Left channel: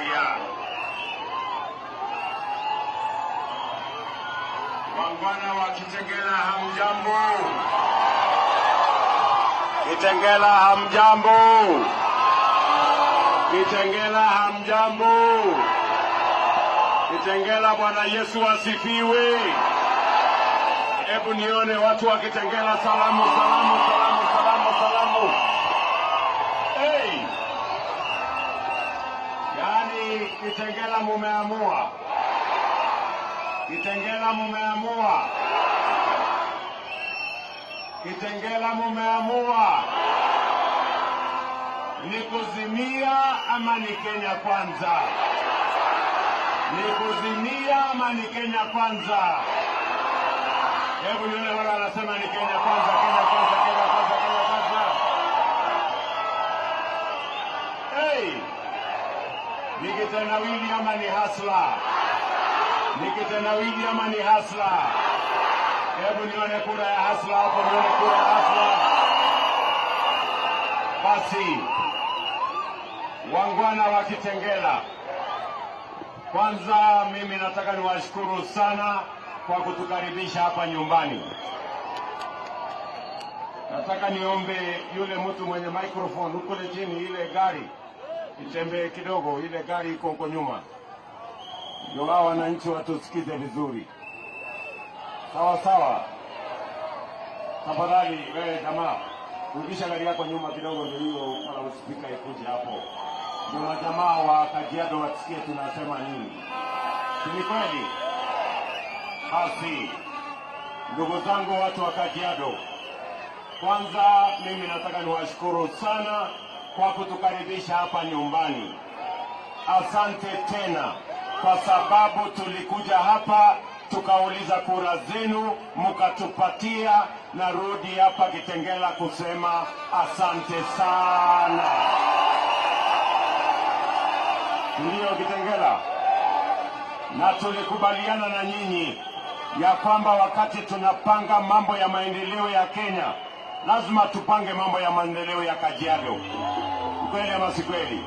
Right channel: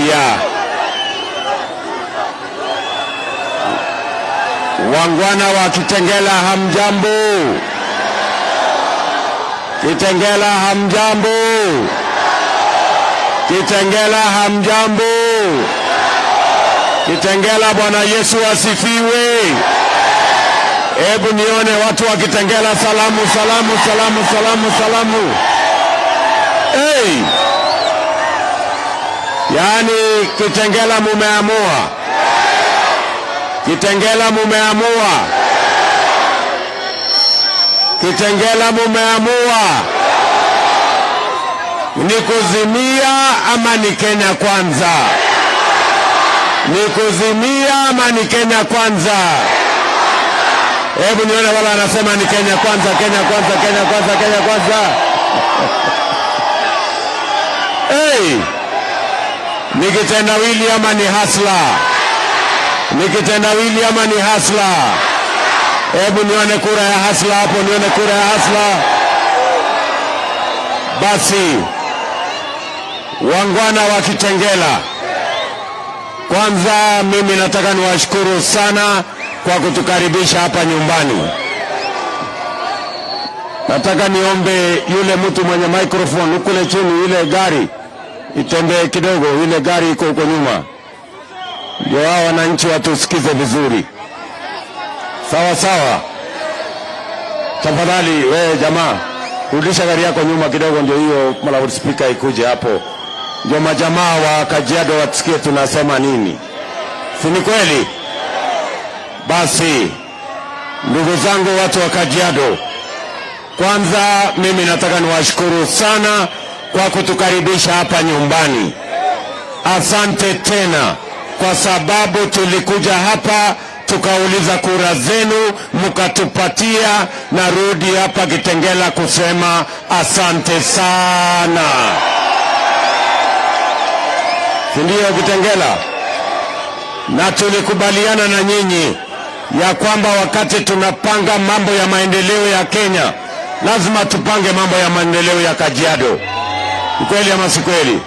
Haya, wangwana wa Kitengela hamjambo? Kitengela hamjambo? Kitengela hamjambo? Kitengela, Bwana Yesu asifiwe. Hebu nione watu wa Kitengela. Salamu, salamu, salamu, salamu, salamu. Hey! Yaani Kitengela mumeamua. Kitengela mumeamua. Kitengela mumeamua. Ni kuzimia ama ni Kenya kwanza? Ni kuzimia ama ni Kenya kwanza? Hebu nione wala anasema ni Kenya kwanza, Kenya kwanza, Kenya kwanza, Kenya kwanza. Hey! Ni kitendawili ama ni hasla? Ni kitendawili ama ni hasla? Hebu nione kura ya hasla hapo, nione kura ya hasla. Basi, wangwana wa Kitengela, kwanza mimi nataka niwashukuru sana kwa kutukaribisha hapa nyumbani. Nataka niombe yule mtu mwenye microphone ukule chini, ile gari itembee kidogo, ile gari iko huko nyuma, ndio hao wananchi watusikize vizuri. Sawa sawa. Tafadhali wewe jamaa, rudisha gari yako nyuma kidogo, ndio hiyo loudspeaker ikuje hapo, ndio majamaa wa Kajiado wasikie tunasema nini. Si ni kweli? Basi ndugu zangu watu wa Kajiado, kwanza mimi nataka niwashukuru sana kwa kutukaribisha hapa nyumbani. Asante tena, kwa sababu tulikuja hapa tukauliza kura zenu, mkatupatia. Narudi hapa Kitengela kusema asante sana. Ndio Kitengela, na tulikubaliana na nyinyi ya kwamba wakati tunapanga mambo ya maendeleo ya Kenya, lazima tupange mambo ya maendeleo ya Kajiado. Kweli ama si kweli?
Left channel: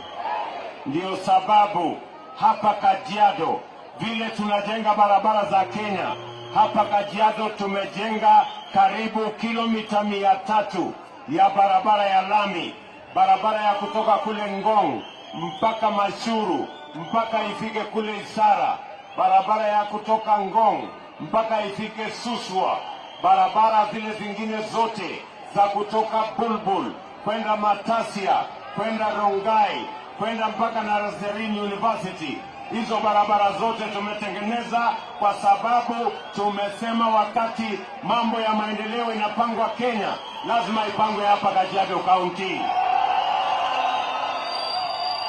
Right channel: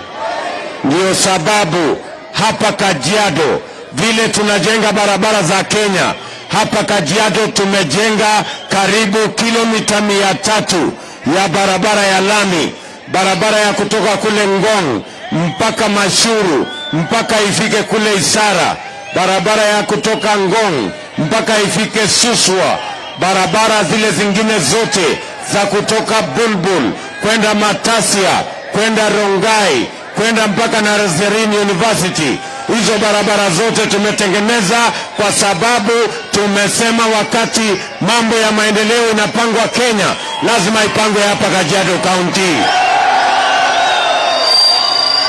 Ndio sababu hapa Kajiado vile tunajenga barabara za Kenya, hapa Kajiado tumejenga karibu kilomita 300 ya barabara ya lami, barabara ya kutoka kule Ngong mpaka Mashuru mpaka ifike kule Isara, barabara ya kutoka Ngong mpaka ifike Suswa, barabara zile zingine zote za kutoka Bulbul kwenda Matasia, kwenda Rongai, kwenda mpaka Nazarene University. Hizo barabara zote tumetengeneza kwa sababu tumesema wakati mambo ya maendeleo inapangwa Kenya, lazima ipangwe hapa Kajiado County.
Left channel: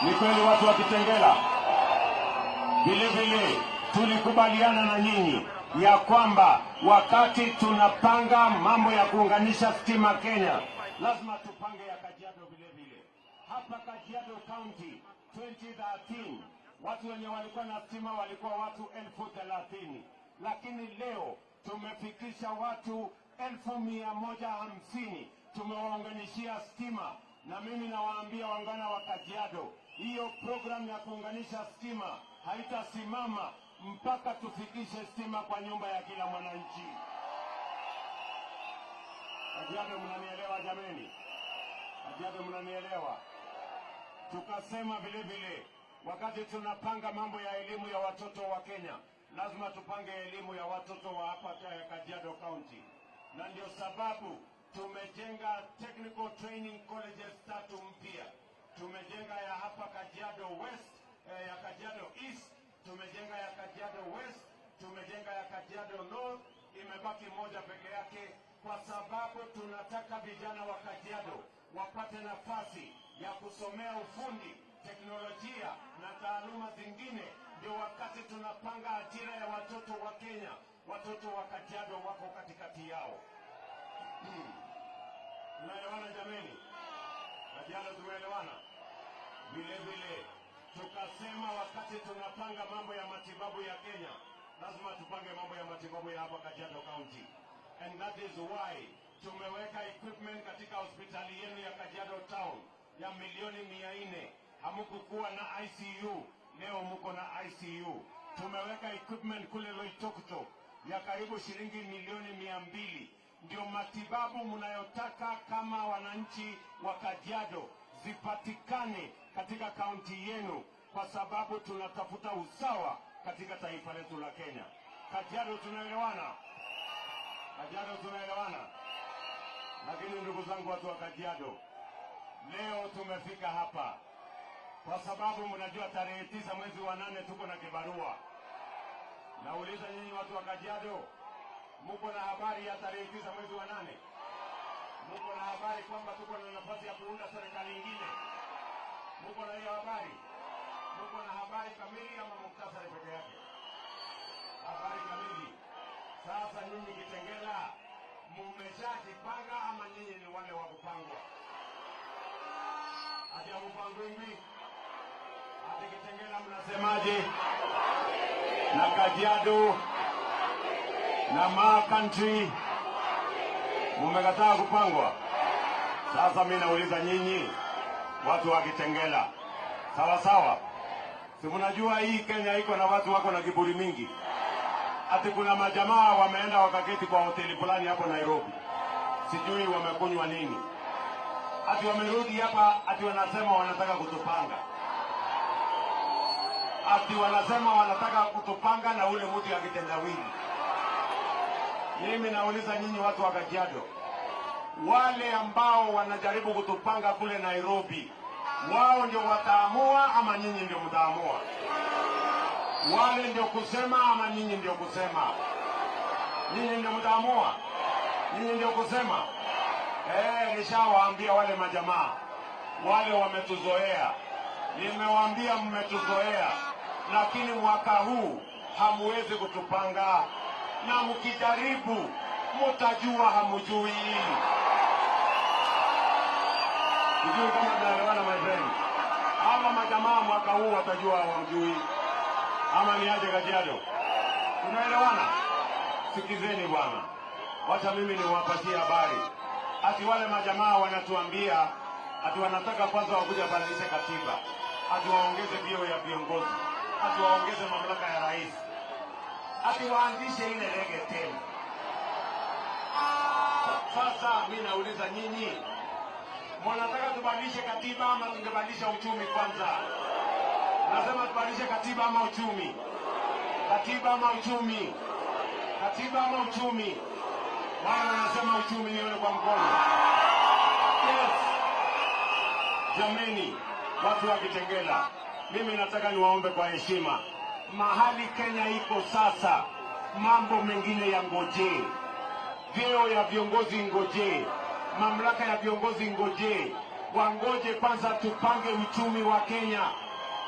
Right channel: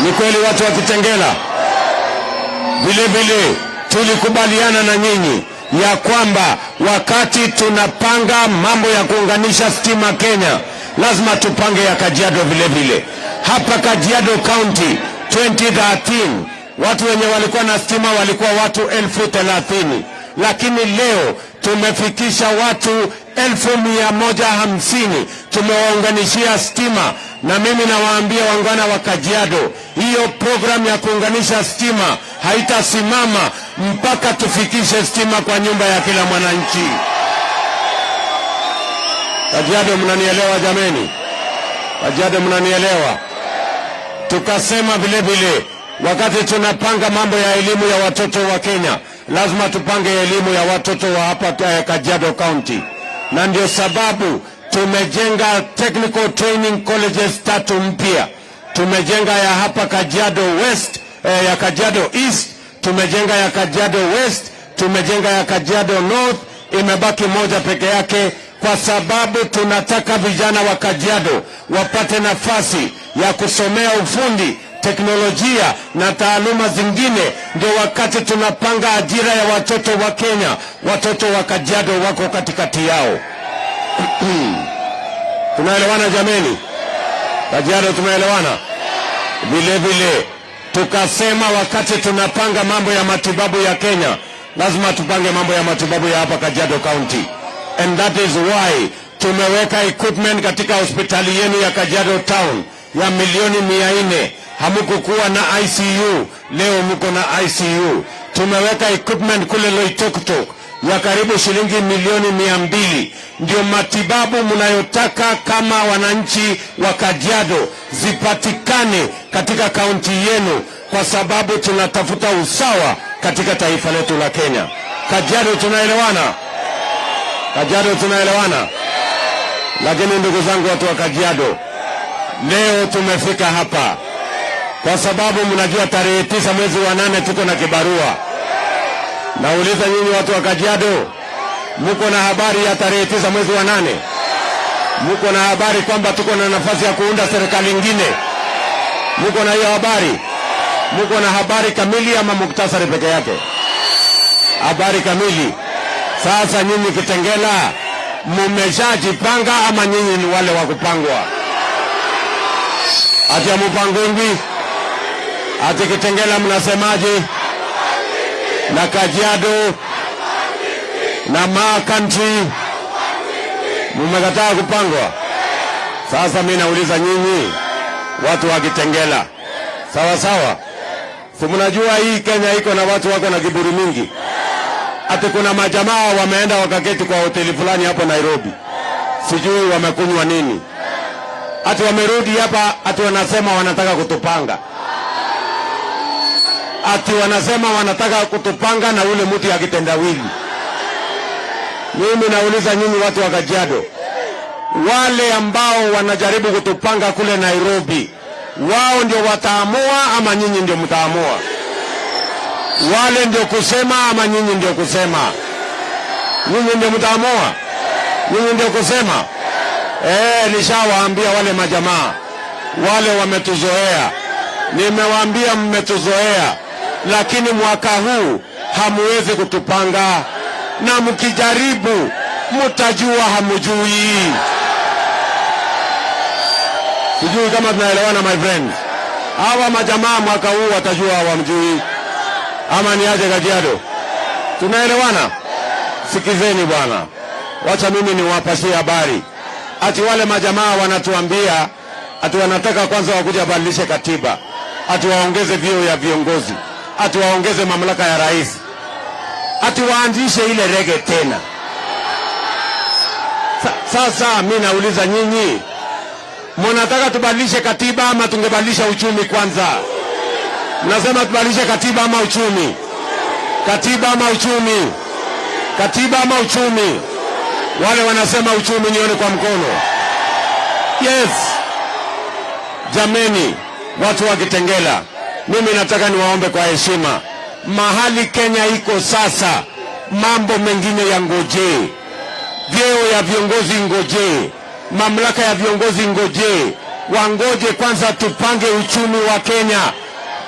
Ni kweli watu wa Kitengela? Vile vile tulikubaliana na nyinyi ya kwamba wakati tunapanga mambo ya kuunganisha stima Kenya, lazima tupange ya Kajiado vile vile. Hapa Kajiado County 2013 watu wenye walikuwa na stima walikuwa watu 30,000, lakini leo tumefikisha watu 150,000 tumewaunganishia stima. Na mimi nawaambia wangwana wa Kajiado, hiyo program ya kuunganisha stima haitasimama mpaka tufikishe stima kwa nyumba ya kila mwananchi. Kajiado mnanielewa jameni? Kajiado mnanielewa? Tukasema vile vile wakati tunapanga mambo ya elimu ya watoto wa Kenya, lazima tupange elimu ya watoto wa hapa Kajiado County. Na ndio sababu tumejenga technical training colleges 3 mpya. Tumejenga ya hapa Kajiado West, ya Kajiado East, tumejenga ya Kajiado West, tumejenga ya Kajiado North, imebaki moja peke yake, kwa sababu tunataka vijana wa Kajiado wapate nafasi ya kusomea ufundi, teknolojia na taaluma zingine. Ndio wakati tunapanga ajira ya watoto wa Kenya, watoto wa Kajiado wako katikati yao. Tunaelewana jameni? Kajiado tumeelewana? Vile vile tukasema wakati tunapanga mambo ya matibabu ya Kenya, lazima tupange mambo ya matibabu ya hapa Kajiado County. And that is why tumeweka equipment katika hospitali yenu ya Kajiado Town ya milioni 400. Hamukukuwa na ICU, leo mko na ICU. Tumeweka equipment kule Loitoktok ya karibu shilingi milioni 200. Ndio matibabu mnayotaka kama wananchi wa Kajiado zipatikane katika kaunti yenu, kwa sababu tunatafuta usawa katika taifa letu la Kenya. Kajiado tunaelewana? Kajiado tunaelewana? Lakini ndugu zangu watu wa Kajiado, leo tumefika hapa kwa sababu mnajua tarehe 9 mwezi wa 8 tuko na kibarua. Nauliza nyinyi watu wa Kajiado, mko na habari ya tarehe 9 mwezi wa 8? Mko na habari kwamba tuko na nafasi ya kuunda serikali nyingine? Mko na hiyo habari? Mko na habari kamili ama muktasari peke yake? Habari kamili. Sasa nyinyi Kitengela, mmeshajipanga ama nyinyi ni wale wa kupangwa? Ati amupangwi? Ati Kitengela mnasemaje? Na Kajiado na Ma country mmekataa kupangwa. Sasa mimi nauliza nyinyi watu wa Kitengela, sawa sawa, si mnajua hii Kenya iko na watu wako na kiburi mingi. Ati kuna majamaa wameenda wakaketi kwa hoteli fulani hapo Nairobi, sijui wamekunywa nini, ati wamerudi hapa, ati wanasema wanataka kutupanga, ati wanasema wanataka kutupanga na ule mtu ya kitendawili. Mimi nauliza nyinyi watu wa Kajiado, wale ambao wanajaribu kutupanga kule Nairobi, wao ndio wataamua ama nyinyi ndio mtaamua? Wale ndio kusema ama nyinyi ndio kusema? Nyinyi ndio mtaamua? Nyinyi ndio kusema? Nishawaambia wale majamaa, wale wametuzoea. Nimewaambia mmetuzoea, lakini mwaka huu hamuwezi kutupanga, na mkijaribu mtajua hamujui. Sijui kama tunaelewana my friends. Hawa majamaa mwaka huu watajua hawamjui. Ama ni aje Kajiado? Tunaelewana? Sikizeni bwana, wacha mimi niwapasie habari. Ati wale majamaa wanatuambia ati wanataka kwanza wakuja badilishe katiba, ati waongeze vyeo ya viongozi, ati waongeze mamlaka ya rais, ati waanzishe ile rege tena. Sasa mimi nauliza nyinyi, mnataka tubadilishe katiba ama tungebadilisha uchumi kwanza? Mnasema tubadilishe katiba ama uchumi? Katiba ama uchumi? Katiba ama uchumi? Wale wanasema uchumi, nione kwa mkono. Yes. Jameni, watu wa Kitengela, mimi nataka niwaombe kwa heshima, mahali Kenya iko sasa, mambo mengine ya ngoje. Vyeo ya viongozi ngoje, mamlaka ya viongozi ngoje. Wangoje kwanza tupange uchumi wa Kenya,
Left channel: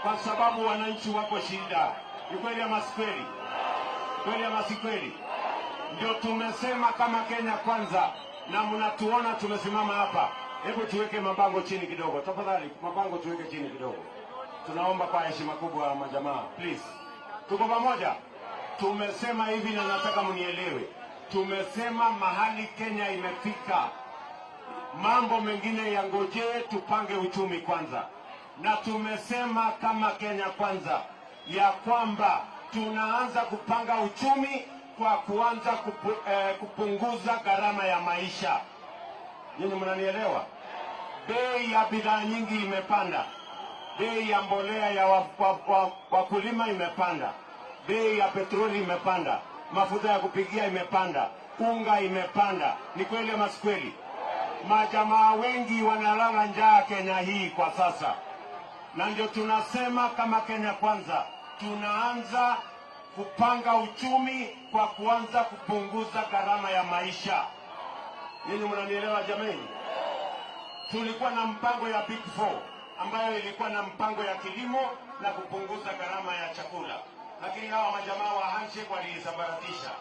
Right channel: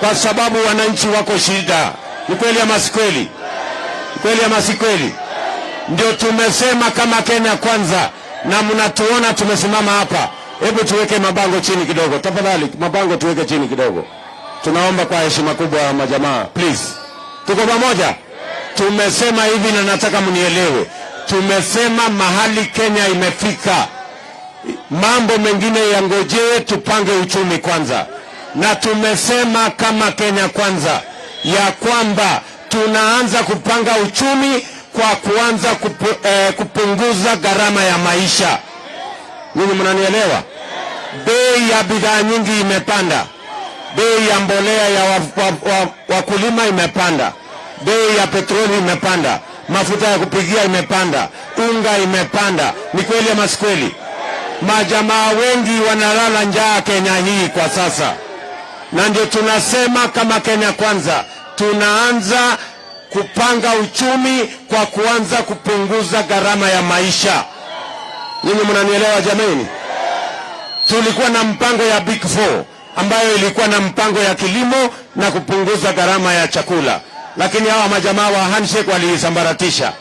kwa sababu wananchi wako shida. Ni kweli ama si kweli? Kweli ama si kweli? Ndio tumesema kama Kenya kwanza, na mnatuona tumesimama hapa. Hebu tuweke mabango chini kidogo tafadhali, mabango tuweke chini kidogo. Tunaomba kwa heshima kubwa majamaa, please. Tuko pamoja? Tumesema hivi na nataka mnielewe. Tumesema mahali Kenya imefika, mambo mengine ya ngoje, tupange uchumi kwanza. Na tumesema kama Kenya kwanza ya kwamba tunaanza kupanga uchumi kwa kuanza kupunguza gharama ya maisha. Ninyi mnanielewa? Bei ya bidhaa nyingi imepanda. Bei ya mbolea ya wakulima imepanda. Bei ya petroli imepanda. Mafuta ya kupigia imepanda. Unga imepanda. Ni kweli ama si kweli? Majamaa wengi wanalala njaa Kenya hii kwa sasa. Na ndio tunasema kama Kenya kwanza, tunaanza kupanga uchumi kwa kuanza kupunguza gharama ya maisha. Ninyi mnanielewa jameni? Tulikuwa na mpango ya Big Four ambayo ilikuwa na mpango ya kilimo na kupunguza gharama ya chakula, lakini hawa majamaa wa handshake waliisambaratisha.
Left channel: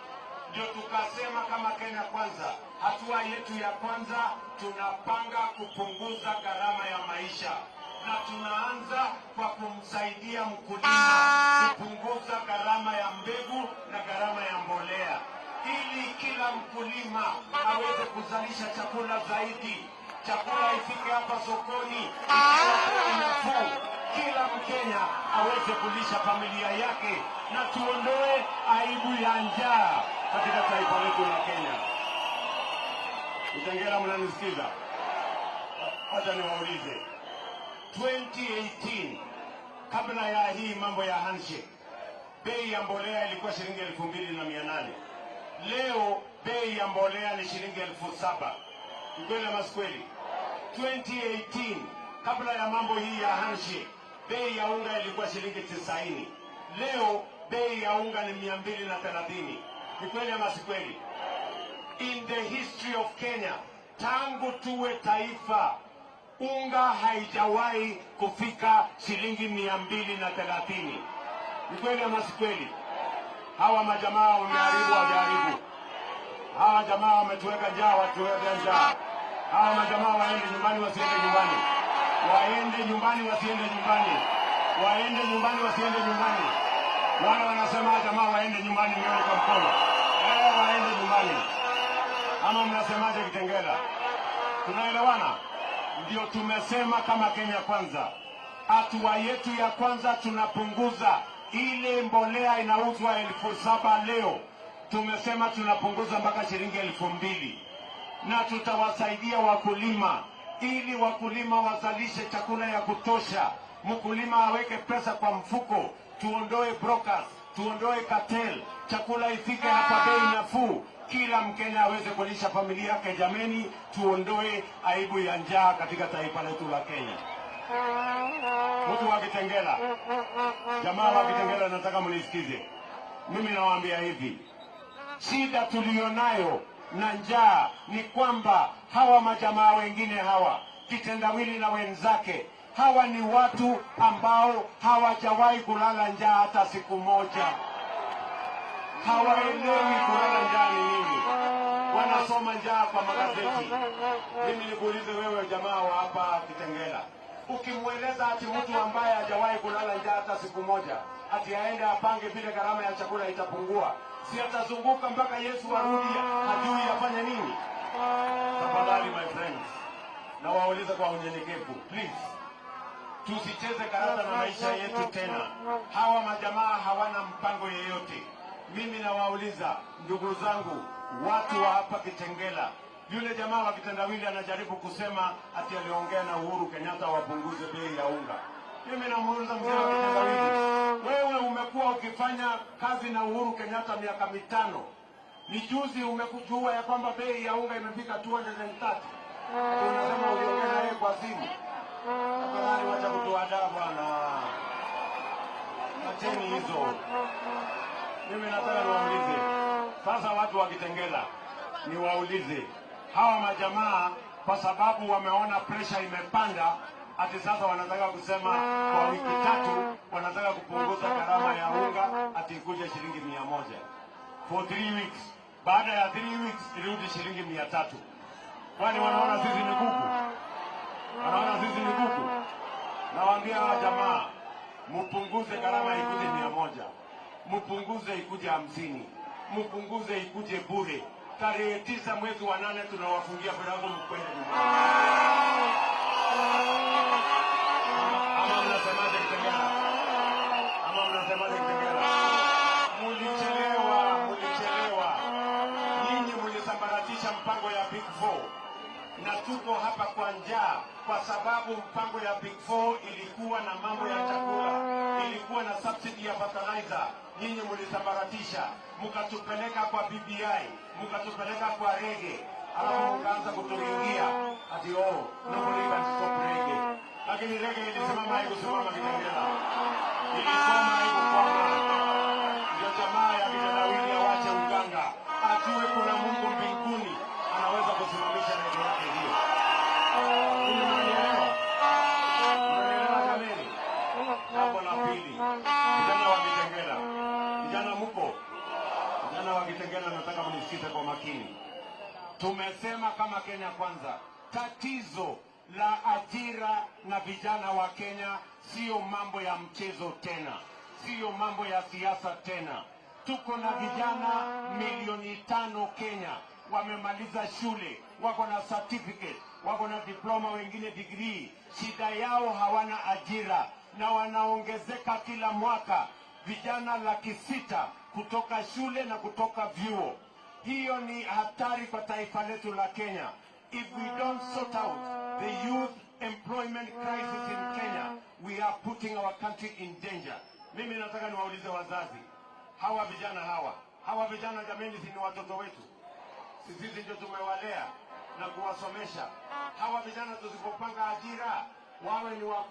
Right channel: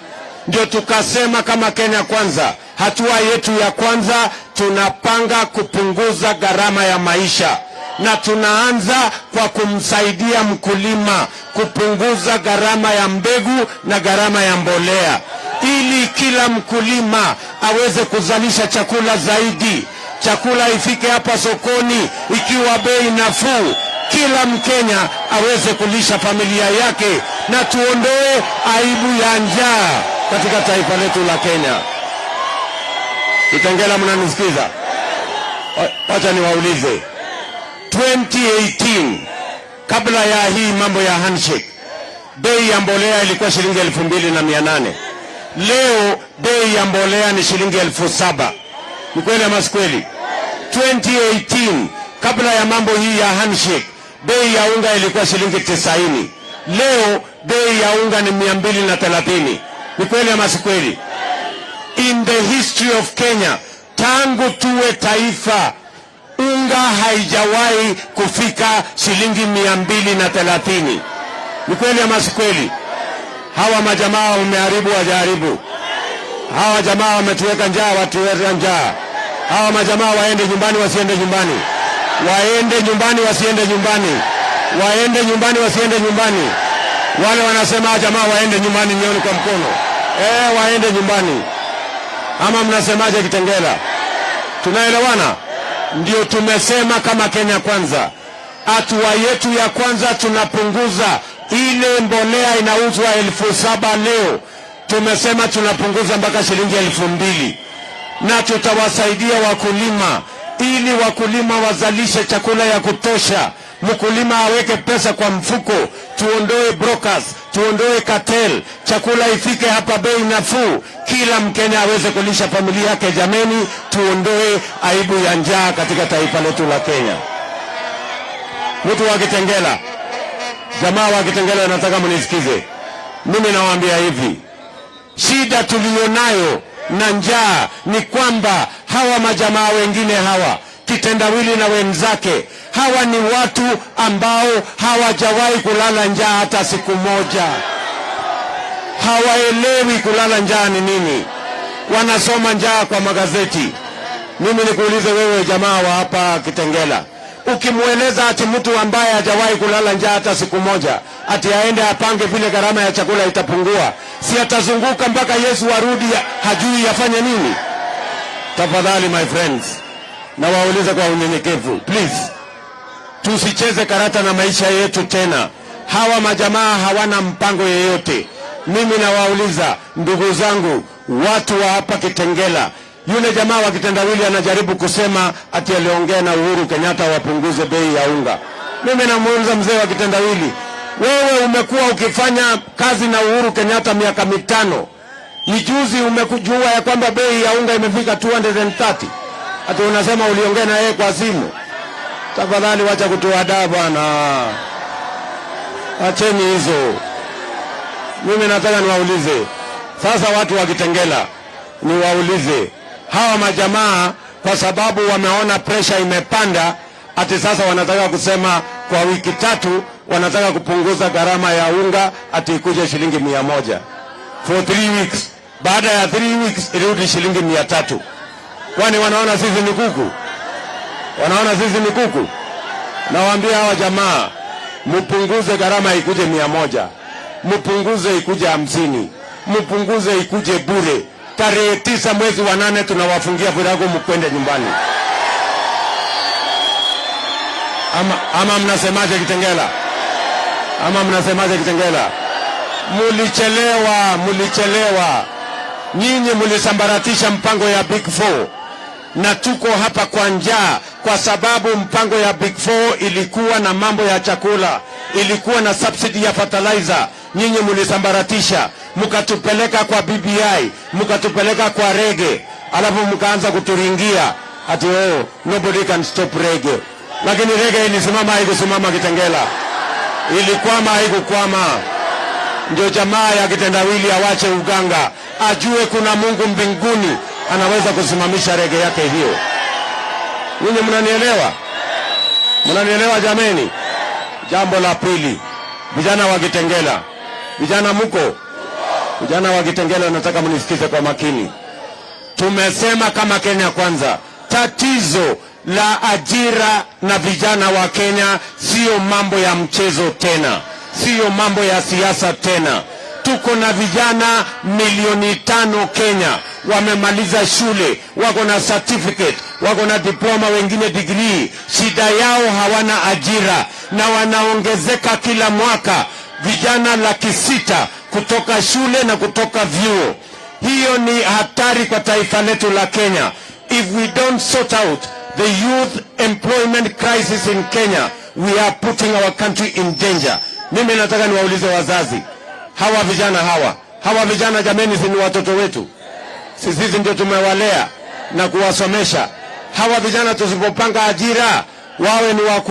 Ndio tukasema kama Kenya kwanza, hatua yetu ya kwanza tunapanga kupunguza gharama ya maisha, na tunaanza kwa kumsaidia mkulima kupunguza gharama ya mbegu na gharama ya mbolea, ili kila mkulima aweze kuzalisha chakula zaidi. Chakula ifike hapa sokoni ikiwa bei nafuu. kila Mkenya aweze kulisha familia yake na tuondoe aibu ya njaa katika taifa letu la Kenya. Kitengela, mnanisikiza? Wacha niwaulize. 2018 kabla ya hii mambo ya handshake, bei ya mbolea ilikuwa shilingi 2,800. Leo bei ya mbolea ni shilingi 7,000. Ni kweli ama si kweli? 2018 kabla ya mambo hii ya handshake, bei ya unga ilikuwa shilingi 90. Leo bei ya unga ni 230. Ni kweli ama si kweli? In the history of Kenya, tangu tuwe taifa, unga haijawahi kufika shilingi 230. Ni kweli ama si kweli? Hawa majamaa wameharibu, wajaribu. Hawa jamaa wametuweka njaa, watuweka njaa. Hawa majamaa waende nyumbani, wasiende nyumbani. Waende nyumbani, wasiende nyumbani. Waende nyumbani, wasiende nyumbani. Wale wanasema jamaa waende nyumbani, nione kwa mkono. Waende nyumbani. Ama mnasemaje Kitengela? Tunaelewana? Ndio tumesema kama Kenya Kwanza, hatua yetu ya kwanza tunapunguza ile mbolea inauzwa 7,000 leo. Tumesema tunapunguza mpaka shilingi 2,000. Na tutawasaidia wakulima ili wakulima wazalishe chakula ya kutosha. Mkulima aweke pesa kwa mfuko, tuondoe brokers, tuondoe cartel, chakula ifike hapa bei nafuu, kila Mkenya aweze kulisha familia yake. Jameni, tuondoe aibu ya njaa katika taifa letu la Kenya. Mtu wa Kitengela, jamaa wa Kitengela, nataka mnisikize. Mimi nawaambia hivi, shida tulionayo na njaa ni kwamba hawa majamaa wengine hawa Kitendawili na wenzake, hawa ni watu ambao hawajawahi kulala njaa hata siku moja. Hawaelewi kulala njaa ni nini. Wanasoma njaa kwa magazeti. Mimi nikuulize wewe jamaa wa hapa Kitengela, ukimweleza ati mtu ambaye hajawahi kulala njaa hata siku moja ati aende apange vile gharama ya chakula itapungua, si atazunguka mpaka Yesu arudi hajui afanye nini? Tafadhali my friends, na waulize kwa unyenyekevu, please, tusicheze karata na maisha yetu tena. Hawa majamaa hawana mpango yeyote. Mimi nawauliza ndugu zangu, watu wa hapa Kitengela, yule jamaa wa Kitendawili anajaribu kusema ati aliongea na Uhuru Kenyatta wapunguze bei ya unga. Mimi namuuliza mzee wa Kitendawili, wewe umekuwa ukifanya kazi na Uhuru Kenyatta miaka 5. Ni juzi umekujua ya kwamba bei ya unga imefika 230. Ati unasema uliongea na yeye kwa simu. Tafadhali wacha kutuadaa bwana. Acheni hizo. Mimi nataka niwaulize. Sasa watu wa Kitengela, niwaulize. Hawa majamaa kwa sababu wameona pressure imepanda, ati sasa wanataka kusema kwa wiki 3 wanataka kupunguza gharama ya unga ati ikuje shilingi 100. For 3 weeks. Baada ya 3 weeks irudi shilingi 300. Kwani wanaona sisi ni kuku? Wanaona sisi ni kuku? Nawaambia hawa jamaa, mpunguze gharama ikuje 100. Mpunguze ikuje 50. Mpunguze ikuje bure. Tarehe 9 mwezi wa 8 tunawafungia virago mkwende nyumbani. Ama mnasemaje Kitengela? Ama mnasemaje Kitengela? Mulichelewa. Nyinyi mulisambaratisha mpango ya Big 4. Na tuko hapa kwa njaa kwa sababu mpango ya Big 4 ilikuwa na mambo ya chakula, ilikuwa na subsidy ya fertilizer. Nyinyi mulisambaratisha, mukatupeleka kwa BBI, mukatupeleka kwa rege, alafu mukaanza kuturingia ati nobody can stop rege. Lakini rege ilisimama, haikusimama Kitengela. Ilikwama, haikukwama. Ndio jamaa ya Kitendawili awache uganga, ajue kuna Mungu mbinguni anaweza kusimamisha rege yake hiyo. Ninyi mnanielewa? Mnanielewa jameni? Jambo la pili, vijana wa Kitengela, vijana mko? Vijana wa Kitengela, nataka mnisikize kwa makini. Tumesema kama Kenya Kwanza, tatizo la ajira na vijana wa Kenya sio mambo ya mchezo tena, sio mambo ya siasa tena. Tuko na vijana 5 milioni Kenya wamemaliza shule, wako na certificate, wako na diploma, wengine degree. Shida yao hawana ajira na wanaongezeka kila mwaka, vijana 600,000 kutoka shule na kutoka vyuo. Hiyo ni hatari kwa taifa letu la Kenya. If we don't sort out the youth employment crisis in Kenya, we are putting our country in danger. Mimi nataka niwaulize wazazi, hawa vijana jameni, si ni watoto wetu? Sisi ndio tumewalea na kuwasomesha. Hawa vijana tusipopanga ajira, wawe ni wa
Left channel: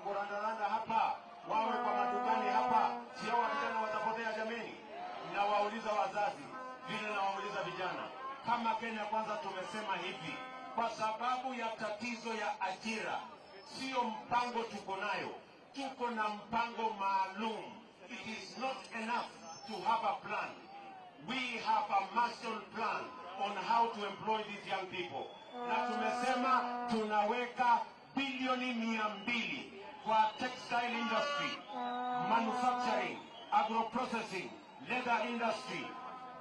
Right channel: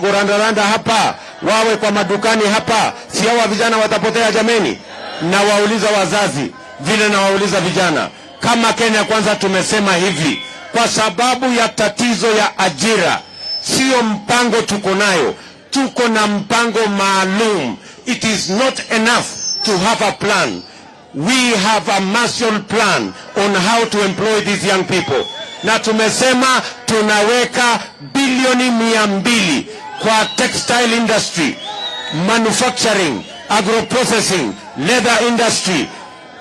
kurandaranda hapa, wawe kwa madukani hapa, si hawa vijana watapotea jameni? Na wauliza wazazi vile na wauliza vijana. Kama Kenya Kwanza tumesema hivi, kwa sababu ya tatizo ya ajira, sio mpango tuko nayo, tuko na mpango maalum. It is not enough to have a plan. We have a Marshall Plan on how to employ these young people. Na tumesema tunaweka bilioni 200 kwa textile industry, manufacturing, agro-processing, leather industry,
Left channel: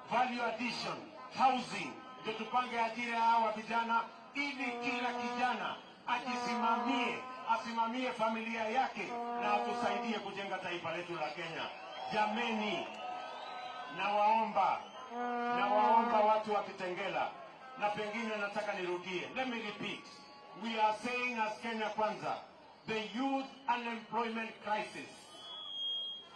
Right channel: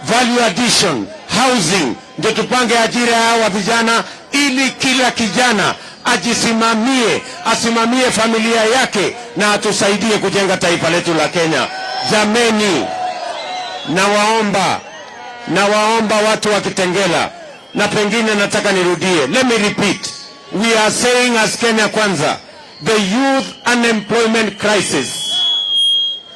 value addition, housing. Ndio tupange ajira ya hawa vijana ili kila kijana asimamie familia yake na atusaidie kujenga taifa letu la Kenya. Jameni, nawaomba watu wa Kitengela, na pengine nataka nirudie. Let me repeat. We are saying as Kenya Kwanza, the youth unemployment crisis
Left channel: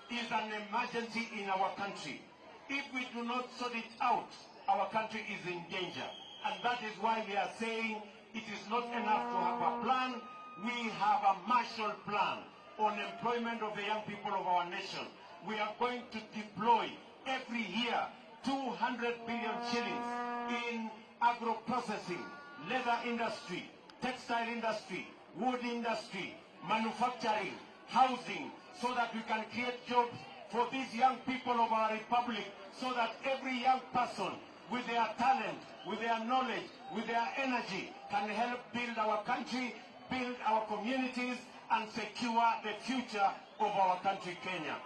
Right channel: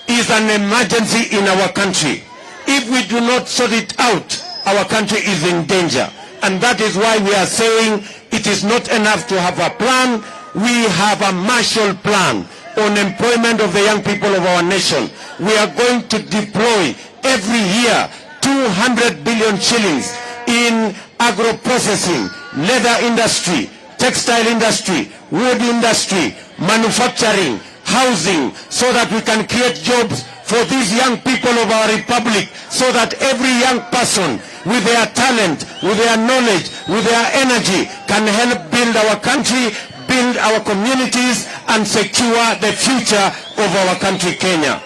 is an emergency in our country. If we do not sort it out, our country is in danger. And that is why we are saying it is not enough to have a plan. We have a Marshall Plan on employment of the young people of our nation. We are going to deploy every year 200 billion shillings in agro-processing, leather industry, textile industry, wood industry, manufacturing, housing, so that we can create jobs for these young people of our republic, so that every young person with their talent, with their knowledge, with their energy can help build our country, build our communities, and secure the future of our country, Kenya.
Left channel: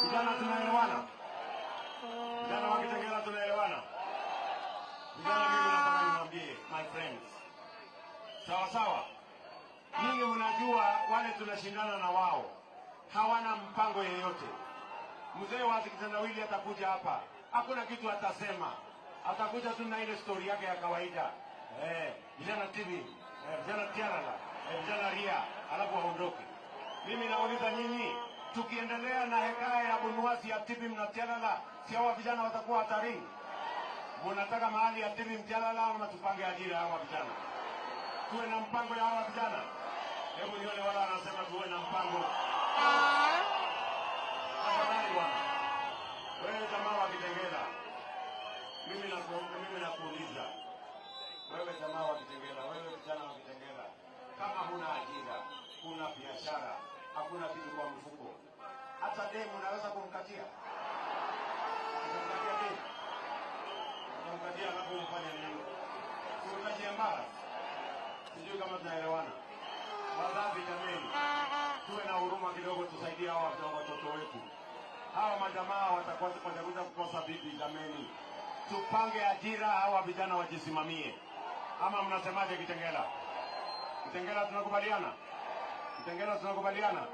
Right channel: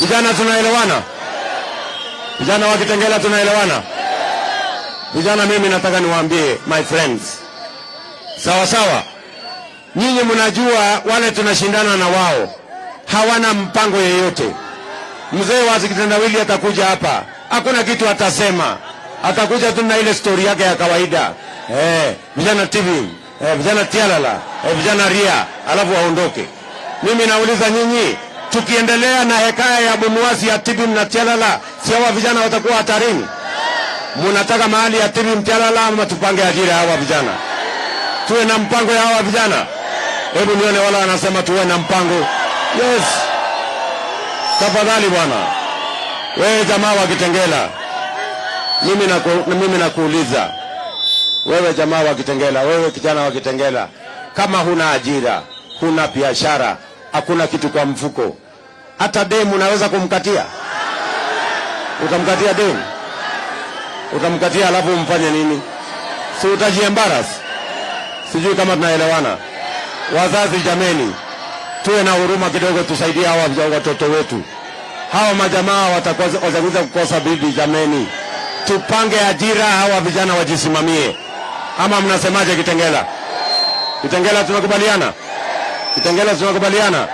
Vijana tunaelewana? Vijana wa Kitengela tunaelewana? Vijana, mimi nataka niwaambie, my friends, sawa, nyinyi mnajua wale tunashindana na wao hawana mpango yeyote. Mzee wa kitendawili atakuja hapa, hakuna kitu atasema, atakuja tu na ile story yake ya kawaida. Vijana TV, vijana tialala, vijana ria, alafu waondoke. Mimi nauliza nyinyi, tukiendelea na hekaya ya bunuasi ya TV na tialala, si hawa vijana watakuwa hatarini? Munataka mahali ya TV mtialala ama tupange ajira hawa vijana? Tuwe na mpango ya hawa vijana? Hebu nione wala wanasema tuwe na mpango. Yes. Tafadhali bwana. Wewe jamaa wa Kitengela, mimi nakuuliza. Wewe jamaa wa Kitengela, wewe kijana wa Kitengela, kama huna ajira, huna biashara, hakuna kitu kwa mfuko, hata demu unaweza kumkatia? Utamkatia demu? Utamkatia alafu umfanye nini? Si utajiembarasi? Sijui kama tunaelewana. Wazazi jameni, tuwe na huruma kidogo, tusaidie hawa watoto wetu. Hawa majamaa watakuza kukosa bibi jameni. Tupange ajira, hawa vijana wajisimamie. Ama mnasemaje Kitengela? Kitengela tunakubaliana? Kitengela tunakubaliana?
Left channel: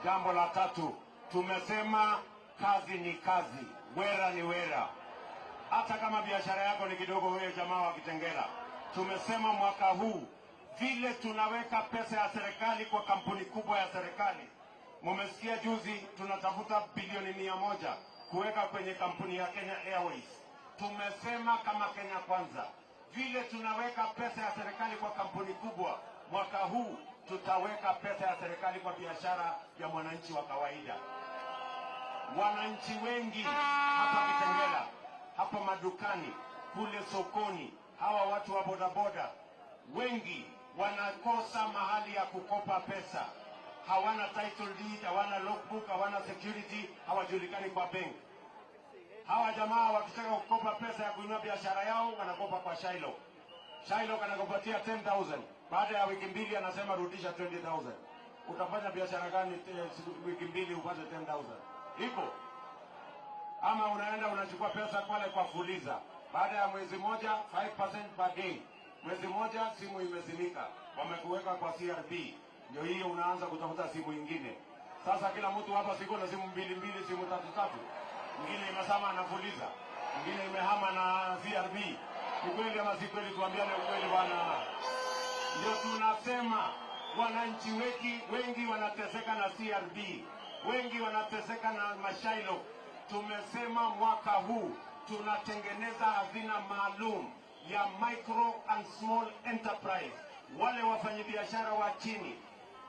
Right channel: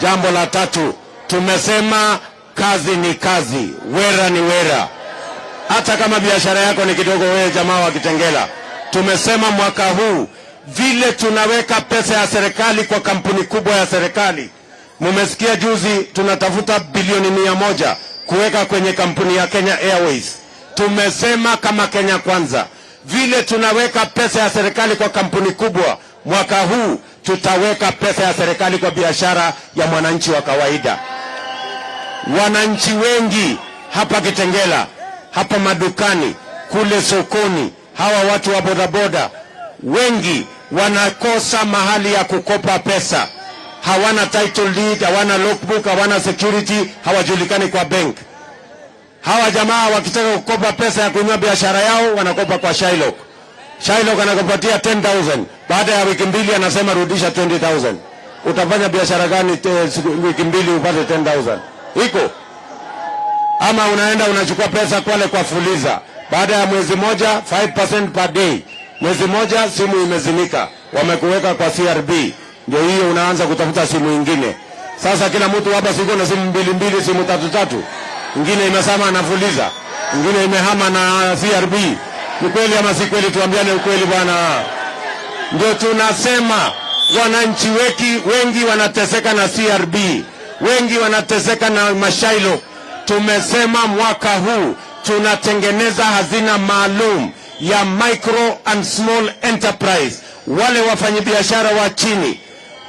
Jambo la tatu, tumesema kazi ni kazi, wera ni wera. Hata kama biashara yako ni kidogo, wewe jamaa wa Kitengela, tumesema mwaka huu vile tunaweka pesa ya serikali kwa kampuni kubwa ya serikali. Mumesikia juzi tunatafuta bilioni 100 kuweka kwenye kampuni ya Kenya Airways. Tumesema kama Kenya Kwanza, vile tunaweka pesa ya serikali kwa kampuni kubwa, mwaka huu tutaweka pesa ya serikali kwa biashara ya mwananchi wa kawaida. Wananchi wengi hapa Kitengela, hapa madukani, kule sokoni, hawa watu wa bodaboda wengi wanakosa mahali ya kukopa pesa. Hawana title deed, hawana logbook, hawana security, hawajulikani kwa bank. Hawa jamaa wakitaka kukopa pesa ya kuinua biashara yao, wanakopa kwa Shylock. Shylock anakupatia 10,000. Baada ya wiki mbili anasema rudisha 20,000. Utafanya biashara gani wiki mbili upate 10,000? Iko? Ama unaenda unachukua pesa kwale kwa Fuliza. Baada ya mwezi moja 5% per day. Mwezi moja simu imezimika, wamekuweka kwa CRB, ndio hiyo unaanza kutafuta simu nyingine. Sasa kila mtu hapa siko na simu mbili, simu tatu. Ingine imesema anafuliza, ingine imehama na CRB. Ni kweli ama si kweli? Tuambiane ukweli bwana. Ndio tunasema wananchi wengi wanateseka na CRB, wengi wanateseka na mashailo. Tumesema mwaka huu tunatengeneza hazina maalum ya micro and small enterprise, wale wafanyabiashara wa chini,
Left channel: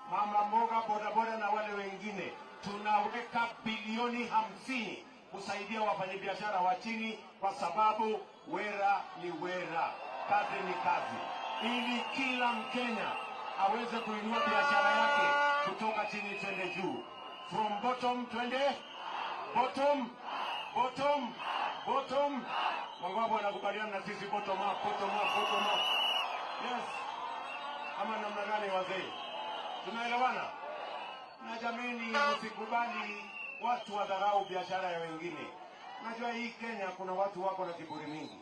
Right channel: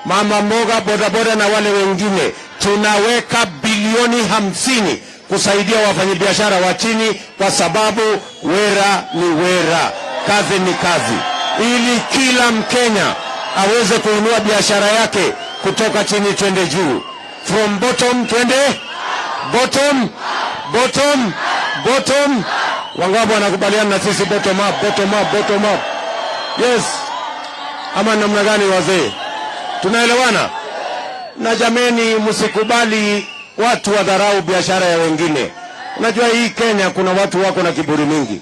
mama mboga, bodaboda na wale wengine. Tunaweka bilioni 50 kusaidia wafanyabiashara wa chini, kwa sababu wera ni wera, kazi ni kazi, ili kila Mkenya aweze kuinua biashara yake kutoka chini twende juu, from bottom twende bottom. Wangapi wanakubaliana na sisi bottom up? Yes, ama namna gani wazee? Tunaelewana? Na jameni, msikubali watu wadharau biashara ya wengine. Unajua hii Kenya kuna watu wako na kiburi mingi.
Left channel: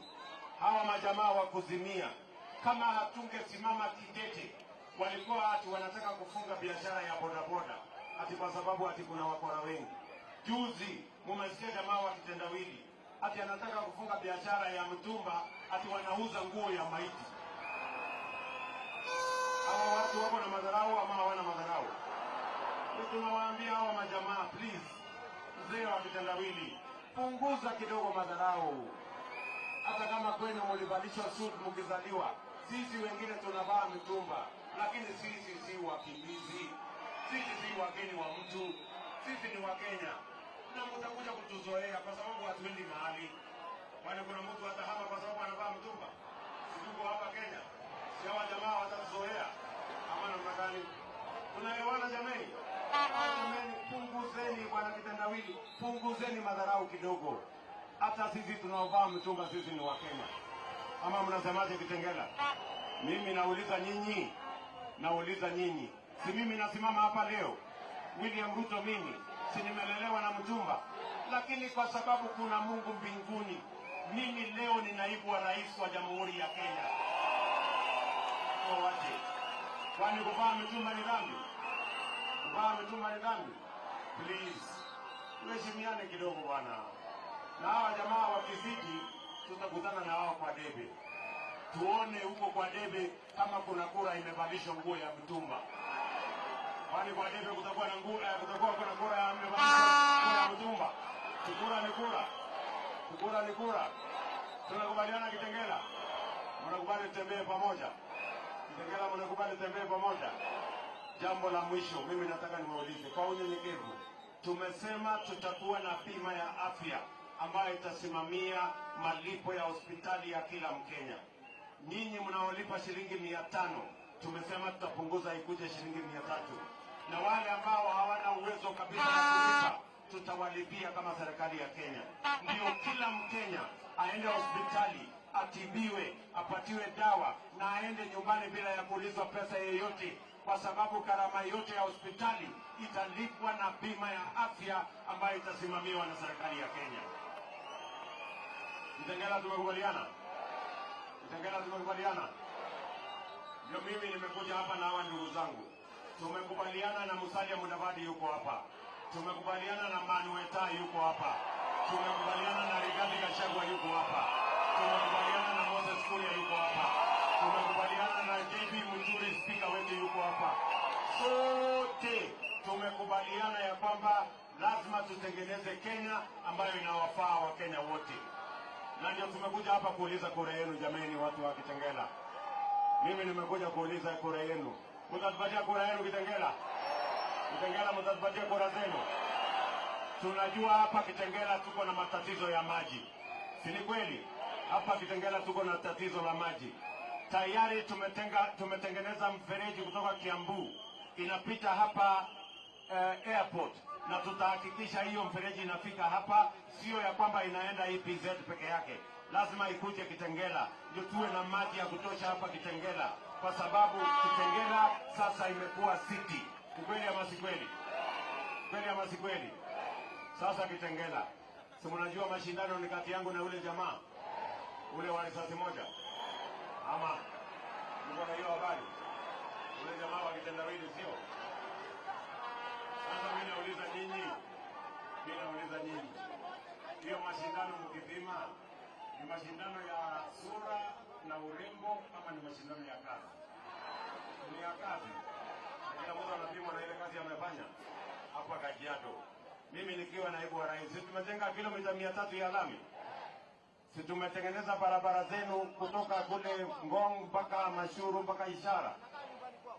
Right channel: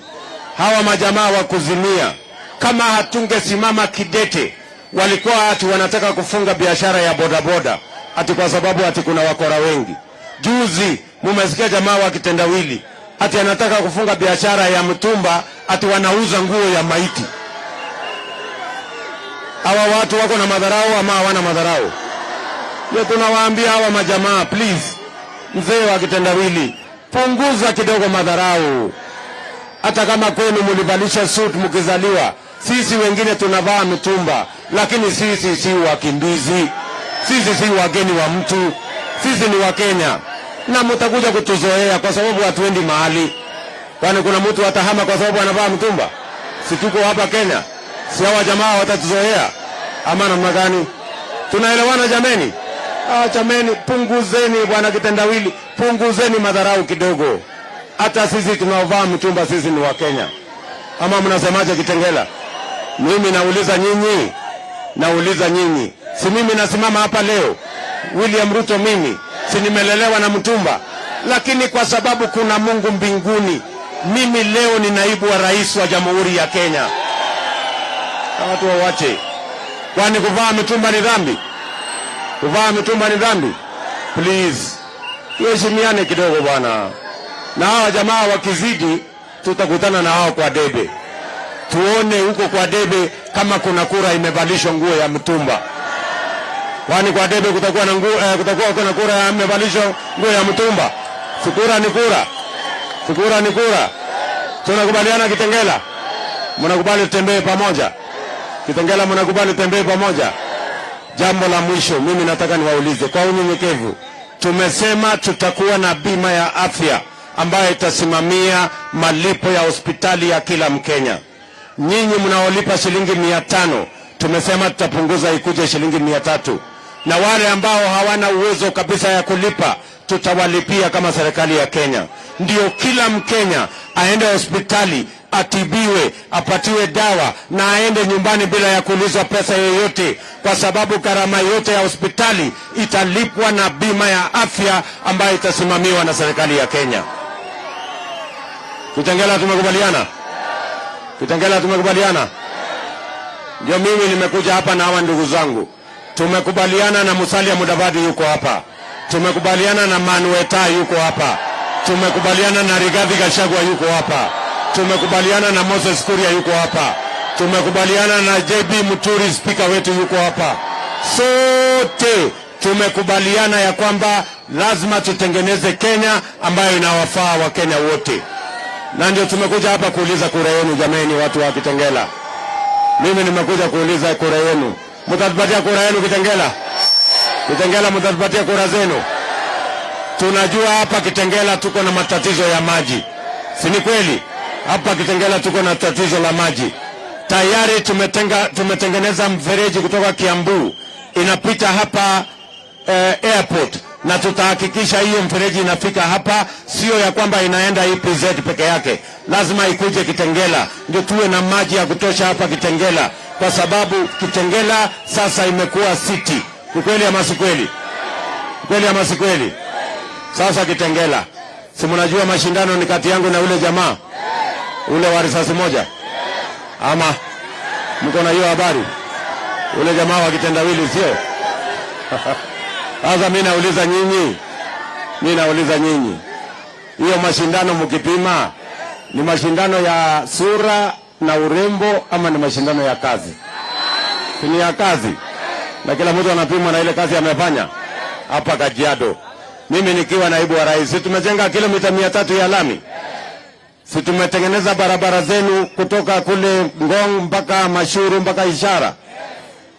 Hawa majamaa wa kuzimia, kama hatungesimama kidete, walikuwa ati wanataka kufunga biashara ya bodaboda ati kwa sababu ati kuna wakora wengi. Juzi mumesikia jamaa wa Kitendawili ati anataka kufunga biashara ya mtumba ati wanauza nguo ya maiti. Hawa watu wako na madharau ama hawana madharau? Ndio tunawaambia hawa majamaa, please, mzee wa Kitendawili, punguza kidogo madharau. Hata kama kwenu mulivalisha suit mkizaliwa, sisi wengine tunavaa mtumba, lakini sisi si wakimbizi, sisi si wageni wa mtu, sisi ni Wakenya. Na mtakuja kutuzoea kwa sababu hatuendi mahali. Kwani kuna mtu atahama kwa sababu anavaa mtumba? Si tuko hapa Kenya? Si hawa jamaa watatuzoea ama namna gani? Tunaelewana jameni? Jameni, punguzeni bwana Kitendawili, punguzeni madharau kidogo. Hata sisi tunaovaa mtumba sisi ni Wakenya. Ama mnasemaje Kitengela? Mimi nauliza nyinyi. Si mimi nasimama hapa leo, William Ruto mimi, si nimelelewa na mtumba? Lakini kwa sababu kuna Mungu mbinguni, mimi leo ni naibu wa rais wa Jamhuri ya Kenya. Watu wawache. Kwani kuvaa mtumba ni dhambi? Kuvaa mtumba ni dhambi? Please, tuheshimiane kidogo bwana. Na hawa jamaa wakizidi, tutakutana na hao kwa debe. Tuone huko kwa debe kama kuna kura imevalishwa nguo ya mtumba. Kwani kwa debe kutakuwa na nguo, kuna kura imevalishwa nguo ya mtumba? Sikura ni kura. Sikura ni kura. Tunakubaliana Kitengela? Mnakubali tutembee pamoja? Kitengela, mnakubali tutembee pamoja? Jambo la mwisho mimi nataka niwaulize kwa unyenyekevu. Tumesema tutakuwa na bima ya afya ambayo itasimamia malipo ya hospitali ya kila Mkenya. Nyinyi mnaolipa shilingi 500, tumesema tutapunguza ikuje shilingi 300. Na wale ambao hawana uwezo kabisa ya kulipa, tutawalipia kama serikali ya Kenya. Ndio kila Mkenya aende hospitali, atibiwe, apatiwe dawa na aende nyumbani bila ya kuulizwa pesa yoyote, kwa sababu gharama yote ya hospitali italipwa na bima ya afya ambayo itasimamiwa na serikali ya Kenya. Kitengela, tumekubaliana? Kitengela, tumekubaliana? Ndio mimi nimekuja hapa na hawa ndugu zangu. Tumekubaliana na Musalia Mudavadi yuko hapa. Tumekubaliana na Manueta yuko hapa. Tumekubaliana na Rigathi Gachagua yuko hapa. Tumekubaliana na Moses Kuria yuko hapa. Tumekubaliana na JB Muturi, speaker wetu, yuko hapa. Sote tumekubaliana ya kwamba lazima tutengeneze Kenya ambayo inawafaa wa Kenya wote. Na ndio tumekuja hapa kuuliza kura yenu jameni, watu wa Kitengela. Mimi nimekuja kuuliza kura yenu. Mtatupatia kura yenu Kitengela? Kitengela, mtatupatia kura zenu? Tunajua hapa Kitengela tuko na matatizo ya maji. Si ni kweli? Hapa Kitengela tuko na tatizo la maji. Tayari tumetengeneza mfereji kutoka Kiambu inapita hapa airport, na tutahakikisha hiyo mfereji inafika hapa, sio ya kwamba inaenda EPZ peke yake. Lazima ikuje Kitengela ndio tuwe na maji ya kutosha hapa Kitengela, kwa sababu Kitengela sasa imekuwa city. Kweli ama si kweli? Kweli ama si kweli? Sasa Kitengela, si mnajua mashindano ni kati yangu na ule jamaa ule wa risasi moja, ama Mko na hiyo habari? Ule jamaa wa kitendawili sio? Sasa mimi nauliza nyinyi. Hiyo mashindano mkipima ni mashindano ya sura na urembo ama ni mashindano ya kazi? Ni ya kazi. Na kila mtu anapimwa na ile kazi amefanya. Hapa Kajiado, mimi nikiwa naibu wa rais, tumejenga kilomita 300 ya lami. Si tumetengeneza barabara zenu kutoka kule Ngong mpaka Mashuru mpaka Ishara.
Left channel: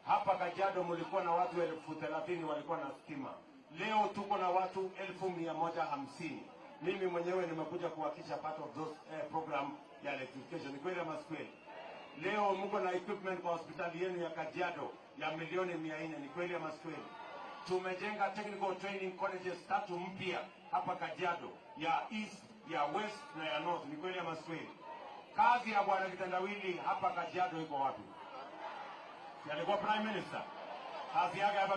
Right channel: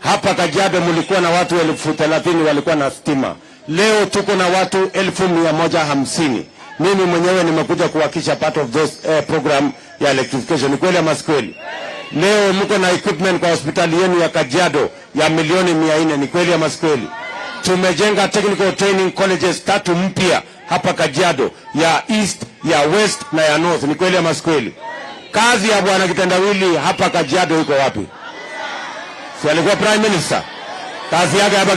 Hapa Kajiado mulikuwa na watu 30,000 walikuwa na stima. Leo tuko na watu 150,000. Mimi mwenyewe nimekuja kuhakisha part of those program ya electrification. Ni kweli ama si kweli? Leo mko na equipment kwa hospitali yenu ya Kajiado ya milioni 400. Ni kweli ama si kweli? Tumejenga technical training colleges 3 mpya hapa Kajiado, ya East, ya West na ya North. Ni kweli ama si kweli? Kazi ya bwana kitendawili hapa Kajiado iko wapi? Si alikuwa prime minister? Kazi yake hapa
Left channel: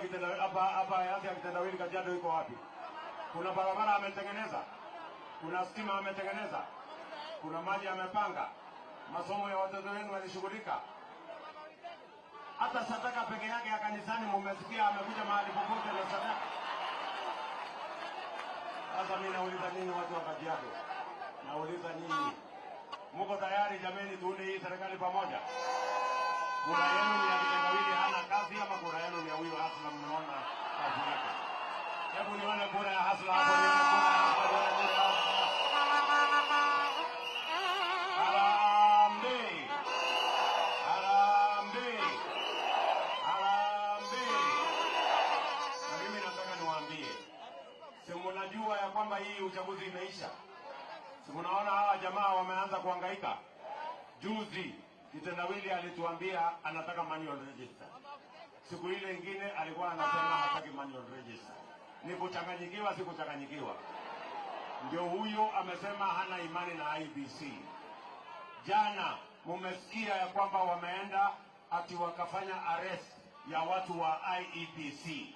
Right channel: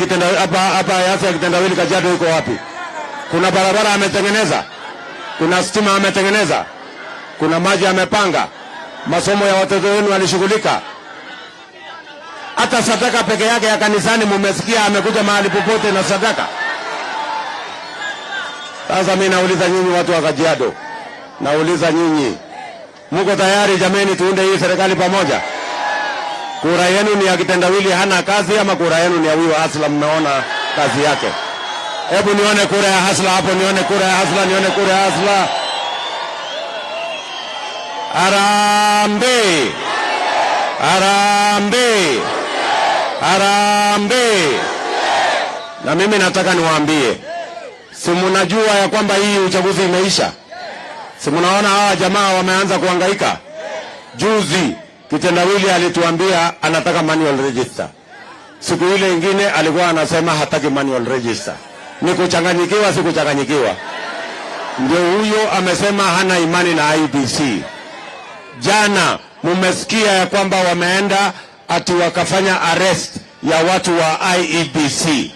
ya kitendawili Kajiado iko wapi? Kuna barabara ametengeneza? Kuna stima ametengeneza? Kuna maji amepanga? Masomo ya watoto wenu alishughulika? Hata sadaka peke yake ya kanisani mumesikia amekuja mahali popote na sadaka? Sasa mimi nauliza nyinyi watu wa Kajiado, nauliza nyinyi, mko tayari jameni tuunde hii serikali pamoja? Kura yenu ni ya kitendawili hana kazi ama kura yenu ni ya huyo Hasla mmeona kazi yake? Hebu nione kura ya Hasla hapo, nione kura ya Hasla, nione kura ya Hasla. Harambee! Harambee! Harambee! Na mimi nataka niwaambie, si mnajua ya kwamba hii uchaguzi imeisha? Si mnaona hawa jamaa wameanza kuhangaika? Juzi kitendawili alituambia anataka manual register. Siku ile ingine alikuwa anasema hataki manual register. Ni kuchanganyikiwa, si kuchanganyikiwa? Ndio huyo amesema hana imani na IEBC. Jana mumesikia ya kwamba wameenda ati wakafanya arrest ya watu wa IEBC.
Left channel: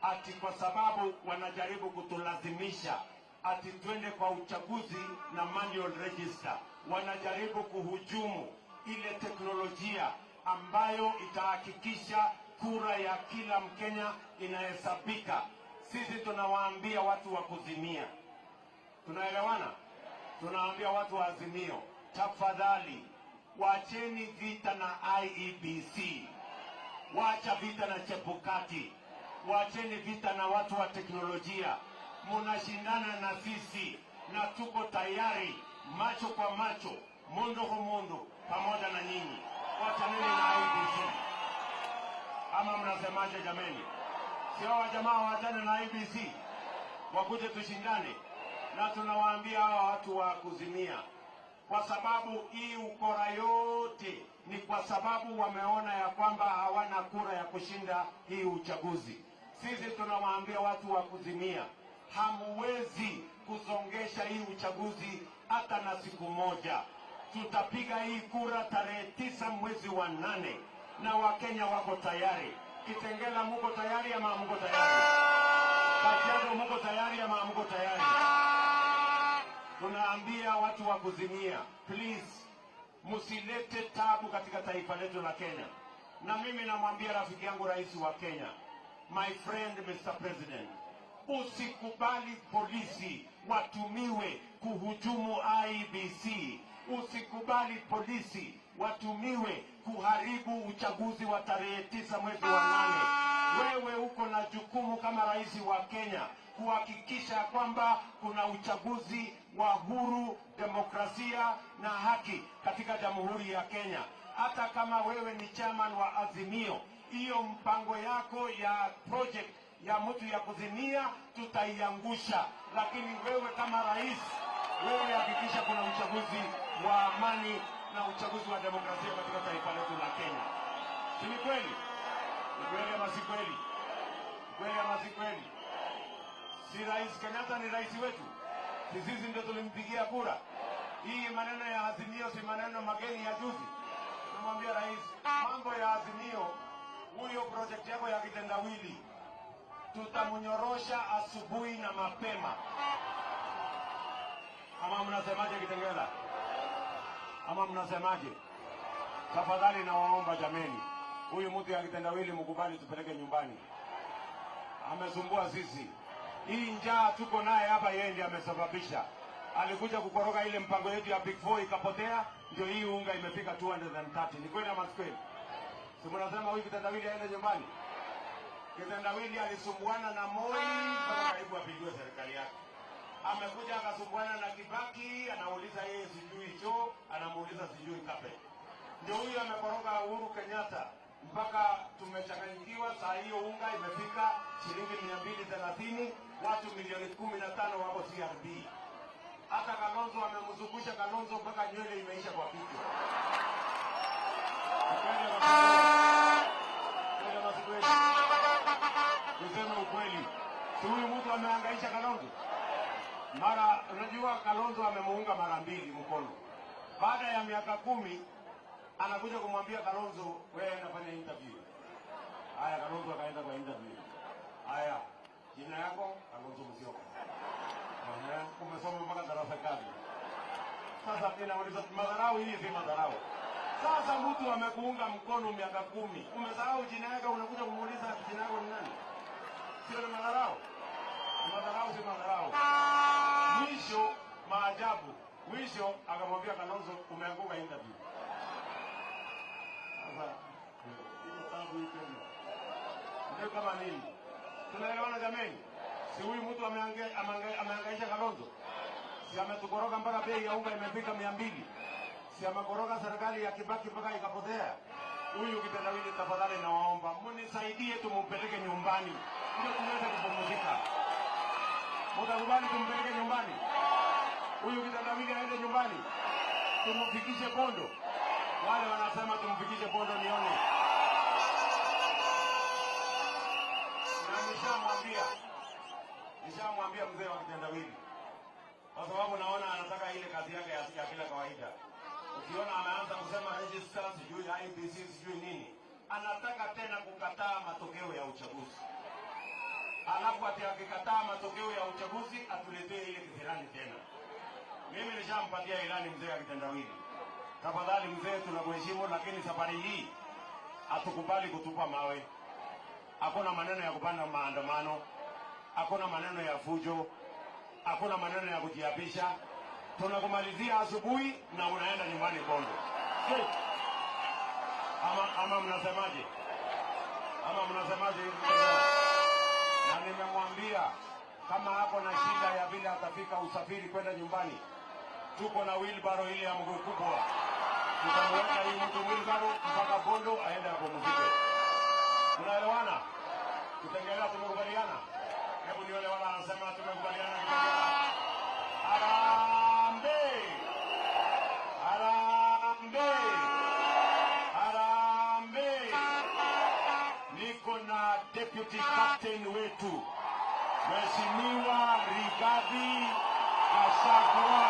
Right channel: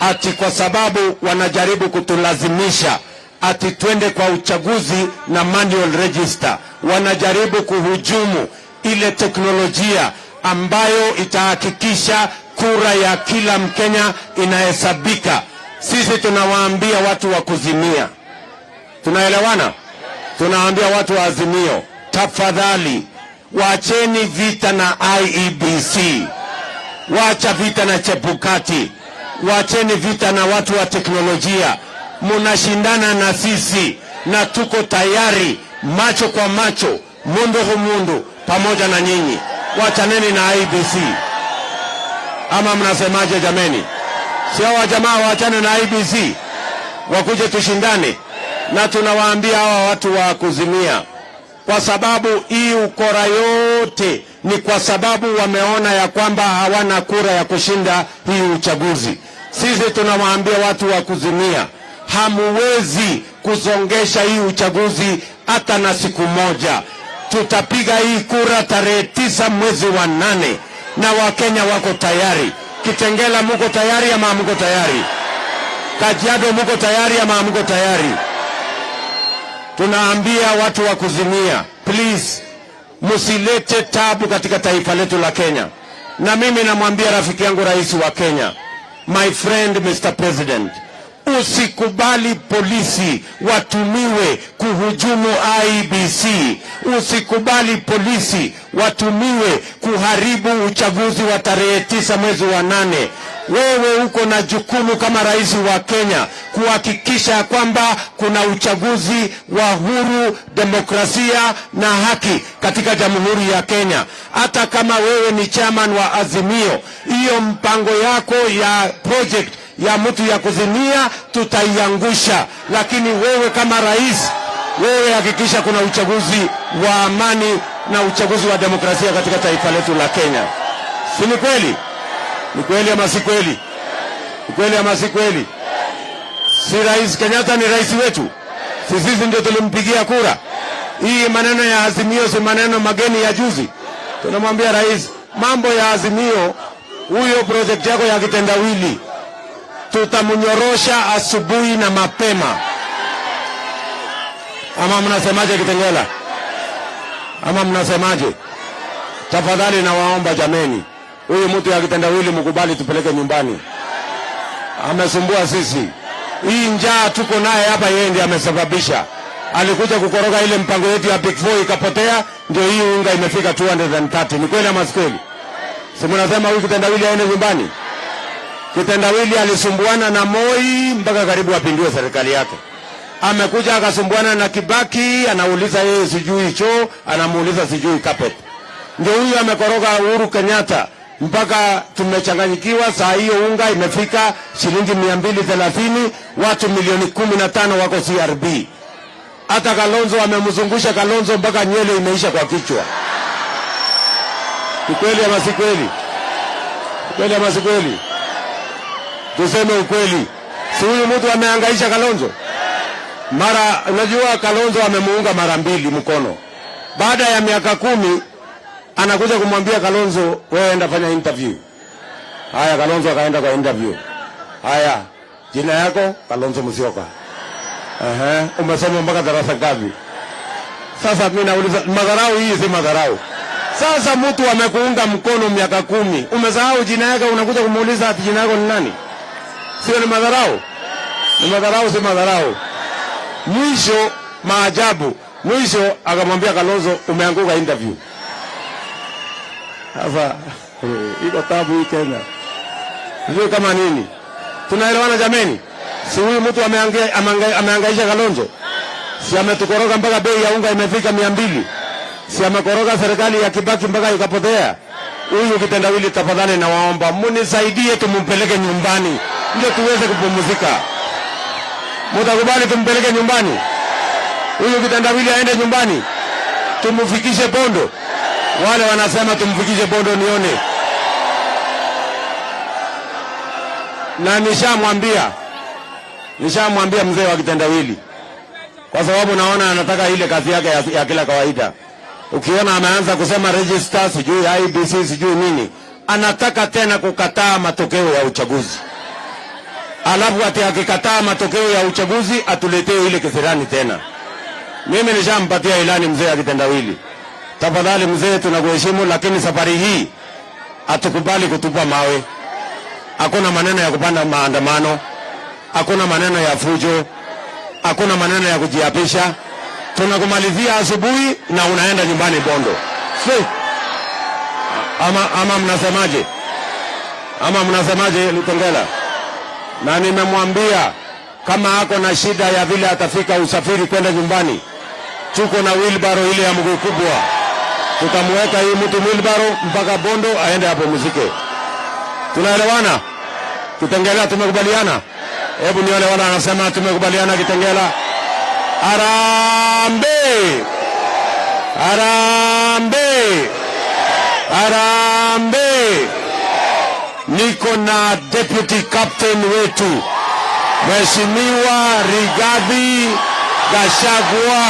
Ati kwa sababu wanajaribu kutulazimisha ati twende kwa uchaguzi na manual register. Wanajaribu kuhujumu ile teknolojia ambayo itahakikisha kura ya kila Mkenya inahesabika. Sisi tunawaambia watu wa kuzimia. Tunaelewana? Tunawaambia watu wa Azimio, tafadhali waacheni vita na IEBC. Waacha vita na Chebukati. Waacheni vita na watu wa teknolojia. Munashindana na sisi na tuko tayari macho kwa macho, mundu humundu pamoja na nyinyi. Wachaneni na IEBC. Ama mnasemaje jameni? Sio wa jamaa waachane na IEBC, wakuje tushindane. Na tunawaambia hawa watu wa kuzimia, kwa sababu hii ukora yote ni kwa sababu wameona ya kwamba hawana kura ya kushinda hii uchaguzi. Sisi tunawaambia watu wa kuzimia, hamuwezi kusongesha hii uchaguzi hata na siku moja. Tutapiga hii kura tarehe 9 mwezi wa 8 na Wakenya wako tayari. Kitengela muko tayari ama hamuko tayari? Kajiado muko tayari ama hamuko tayari? Tunaambia watu wa kuzimia, please, musilete tabu katika taifa letu la Kenya. Na mimi namwambia rafiki yangu rais wa Kenya, my friend Mr. President, usikubali polisi watumiwe kuhujumu IEBC. Usikubali polisi watumiwe kuharibu uchaguzi wa tarehe 9 mwezi wa 8. Wewe uko na jukumu kama rais wa Kenya kuhakikisha kwamba kuna uchaguzi wa huru, demokrasia na haki katika Jamhuri ya Kenya. Hata kama wewe ni chairman wa Azimio, hiyo mpango yako ya project ya mtu ya kuzimia tutaiangusha, lakini wewe kama rais, wewe hakikisha kuna uchaguzi wa amani na uchaguzi wa demokrasia katika taifa letu la Kenya. Si ni kweli? Ni kweli ama si kweli? Ni kweli ama si kweli? Si Rais Kenyatta ni rais wetu? Si sisi ndio tulimpigia kura? Hii maneno ya Azimio si maneno mageni ya juzi. Tunamwambia rais, mambo ya Azimio, huyo project yako ya kitendawili tutamnyorosha asubuhi na mapema. Ama mnasemaje Kitengela? Ama mnasemaje? tafadhali nawaomba jameni, huyu mtu ya kitendawili mkubali tupeleke nyumbani. Amesumbua sisi. Hii njaa tuko naye hapa yeye ndiye amesababisha. Alikuja kukoroga ile mpango yetu ya Big Four ikapotea, ndio hii unga imefika 230. Ni kweli ama si kweli? Si mnasema huyu kitendawili aende nyumbani? Kitendawili alisumbuana na Moi mpaka karibu apindue serikali yake. Amekuja akasumbuana na Kibaki, anauliza yeye sijui choo, anamuuliza sijui carpet. Ndio huyu amekoroga Uhuru Kenyatta mpaka tumechanganyikiwa. Saa hiyo unga imefika shilingi 230, watu milioni 15 wako CRB. Hata Kalonzo amemzungusha Kalonzo mpaka nywele imeisha kwa kichwa. Ni kweli ama si kweli? Kweli ama si kweli? Tuseme ukweli. Si huyu mtu amehangaisha Kalonzo? Mara unajua Kalonzo amemuunga mara 2 mkono. Baada ya miaka 10 anakuja kumwambia Kalonzo, wewe enda fanya interview. Haya, Kalonzo akaenda kwa interview. Haya, jina yako Kalonzo Musyoka. Umesoma mpaka darasa ngapi? Sasa mimi nauliza, madharau hii si madharau? Sasa mtu amekuunga mkono miaka 10, umesahau jina yake, unakuja kumuuliza ati jina yako ni nani? Sio ni madharau? Ni madharau, si madharau? Mwisho maajabu, mwisho akamwambia Kalonzo, umeanguka interview. Sasa iko tabu hii Kenya. Ndio kama nini? Tunaelewana jameni? Si huyu mtu amehangaisha Kalonzo? Si ametukoroga mpaka bei ya unga imefika 200? Si amekoroga serikali ya Kibaki mpaka ikapotea? Huyu kitendawili, tafadhali nawaomba munisaidie tumpeleke nyumbani ndio tuweze kupumzika. Mtakubali tumpeleke nyumbani? Huyu kitendawili aende nyumbani? Tumfikishe Bondo? Wale wanasema tumfikishe Bondo nione. Na nishamwambia mzee wa kitendawili, kwa sababu naona anataka ile kazi yake ya kila kawaida. Ukiona ameanza kusema register sijui IEBC sijui nini, anataka tena kukataa matokeo ya uchaguzi. Alafu ati akikataa matokeo ya uchaguzi atuletee ile kisirani tena. Mimi nishampatia ilani mzee wa kitendawili. Tafadhali mzee, tunakuheshimu, lakini safari hii atukubali kutupa mawe. Hakuna maneno ya kupanda maandamano, hakuna maneno ya fujo, hakuna maneno ya kujiapisha. Tunakumalizia asubuhi na unaenda nyumbani Bondo. Si? Ama mnasemaje? Ama mnasemaje Kitengela? Na nimemwambia kama ako na shida ya vile atafika usafiri kwenda nyumbani, tuko na wheelbarrow ile ya mguu kubwa. Tutamweka hii mtu wheelbarrow mpaka Bondo aende hapo muzike. Tunaelewana? Kitengela, tumekubaliana? Hebu nione wana anasema tumekubaliana Kitengela. Harambee! Harambee! Harambee! Niko na deputy captain wetu Mheshimiwa Rigathi Gachagua.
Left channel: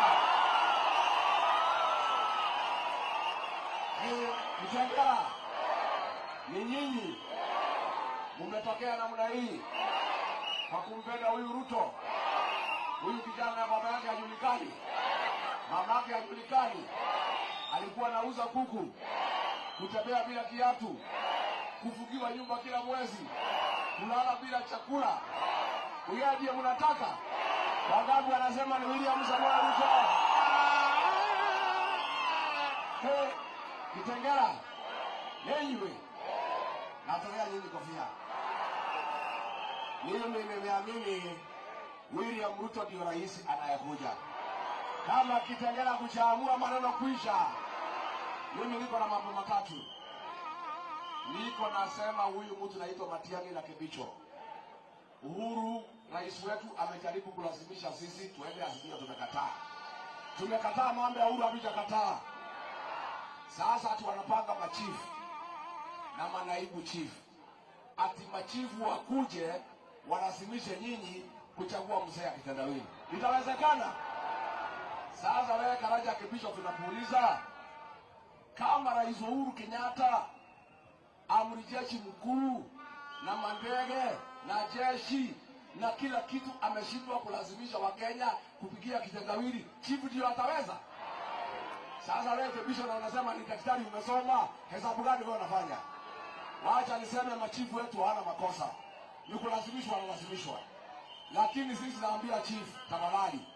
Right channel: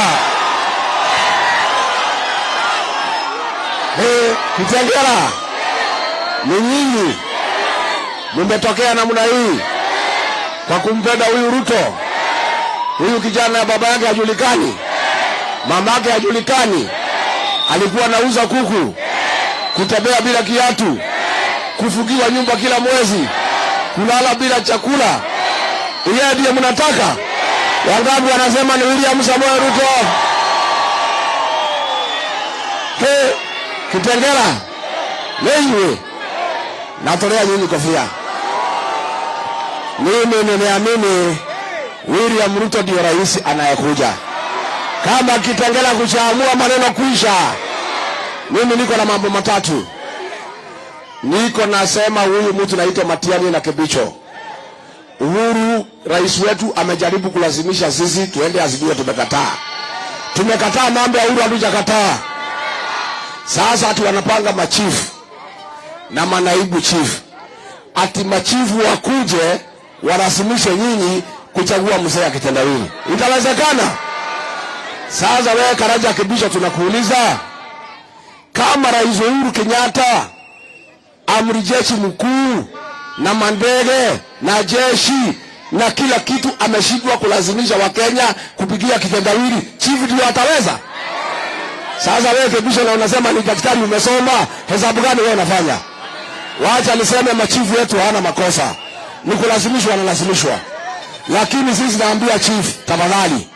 Kitengela, ni nyinyi mmetokea namna hii kwa kumpenda huyu Ruto. Huyu kijana ya baba yake hajulikani, mama yake hajulikani, alikuwa anauza kuku, kutembea bila kiatu, kufugiwa nyumba kila mwezi, kulala bila chakula. Yeye ndiye mnataka? Wangapi wanasema ni William Samoei Ruto? Kitengela, lewe natolea nyinyi kofia. Mimi nimeamini William Ruto ndio rais anayekuja. Kama Kitengela kuchaamua maneno kuisha, mimi niko na mambo matatu. Niko nasema huyu mtu naitwa Matiani na Kibicho. Uhuru rais wetu amejaribu kulazimisha sisi tuende Azimio, tumekataa. Tumekataa mambo ya Uhuru, hatujakataa. Sasa ati wanapanga machifu na manaibu chifu. Ati machifu wakuje warasimishe nyinyi kuchagua mzee ya kitendawili. Itawezekana? Sasa wewe Karaja Kibicho, tunakuuliza, kama rais Uhuru Kenyatta amri jeshi mkuu na mandege na jeshi na kila kitu ameshindwa kulazimisha Wakenya kupigia kitendawili, chifu ndio ataweza? Sasa wewe kibisho na unasema ni daktari umesoma, hesabu gani wewe unafanya? Wacha niseme machifu wetu hawana makosa. Ni kulazimishwa, wanalazimishwa. Lakini sisi naambia chief, tafadhali.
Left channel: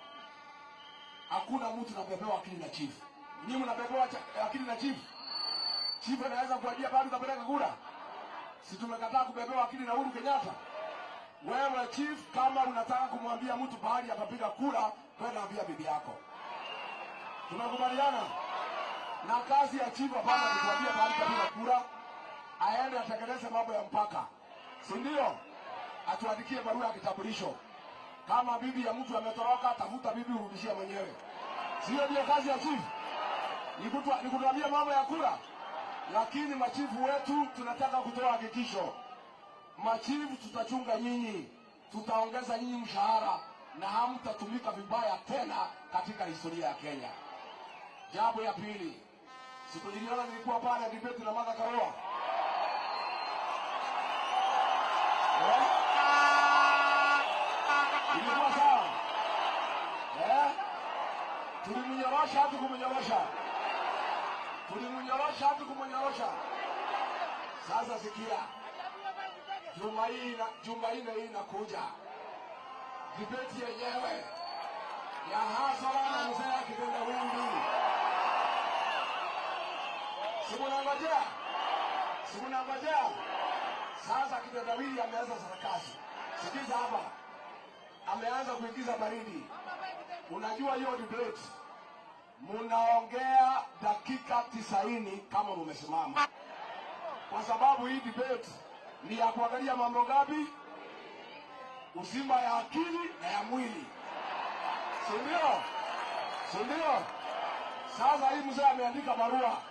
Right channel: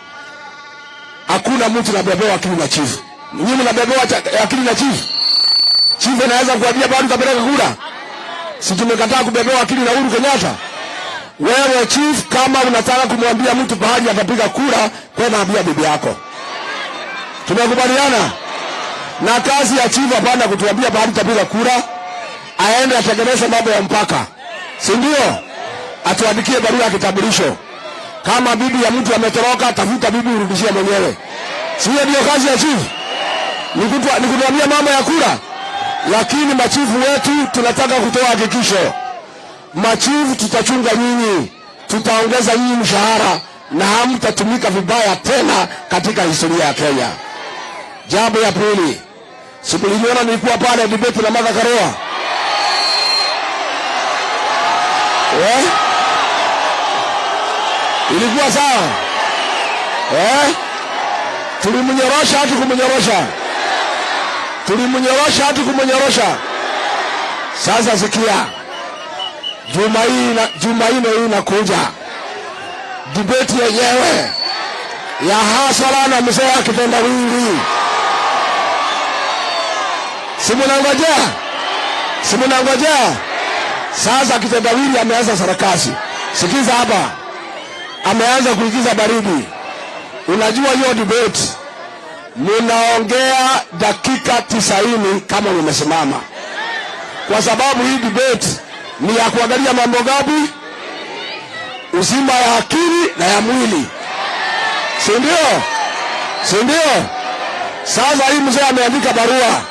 Hakuna mtu anabebewa akili na chief. Nyinyi mnabebewa akili na chief. Chief anaweza kuambia bado utapeleka kura. Si tumekataa kubebewa akili na Uhuru Kenyatta. Wewe chief, kama unataka kumwambia mtu bahali atapiga kura, kwenda ambia bibi yako. Tumekubaliana? Na kazi ya chief hapana kutuambia bahali atapiga kura, aende atengeneze mambo ya mpaka. Si ndio? Atuandikie barua ya kitambulisho. Kama bibi ya mtu ametoroka, tafuta bibi urudishie mwenyewe. Si hiyo ndio kazi ya chief? Ni kutuambia mambo ya kura. Lakini machifu wetu tunataka kutoa hakikisho. Machifu tutachunga nyinyi, tutaongeza nyinyi mshahara na hamtatumika vibaya tena katika historia ya Kenya. Jambo ya pili, siku niliona nilikuwa pale debate na Martha Karua. Ilikuwa sawa? Tulimnyorosha hadi kumnyorosha. Tulimnyorosha hadi kumnyorosha. Sasa sikia. Jumanne hii inakuja. Debate yenyewe ya hasara na mzee Kitendawili. Simunangojea. Sasa Kitendawili ameanza sarakasi. Sikiza hapa. Ameanza kuigiza baridi. Unajua hiyo debate munaongea dakika 90 kama umesimama. Kwa sababu hii debate ni ya kuangalia mambo gapi? Uzima ya akili na ya mwili. Si ndio? Sasa hii mzee ameandika barua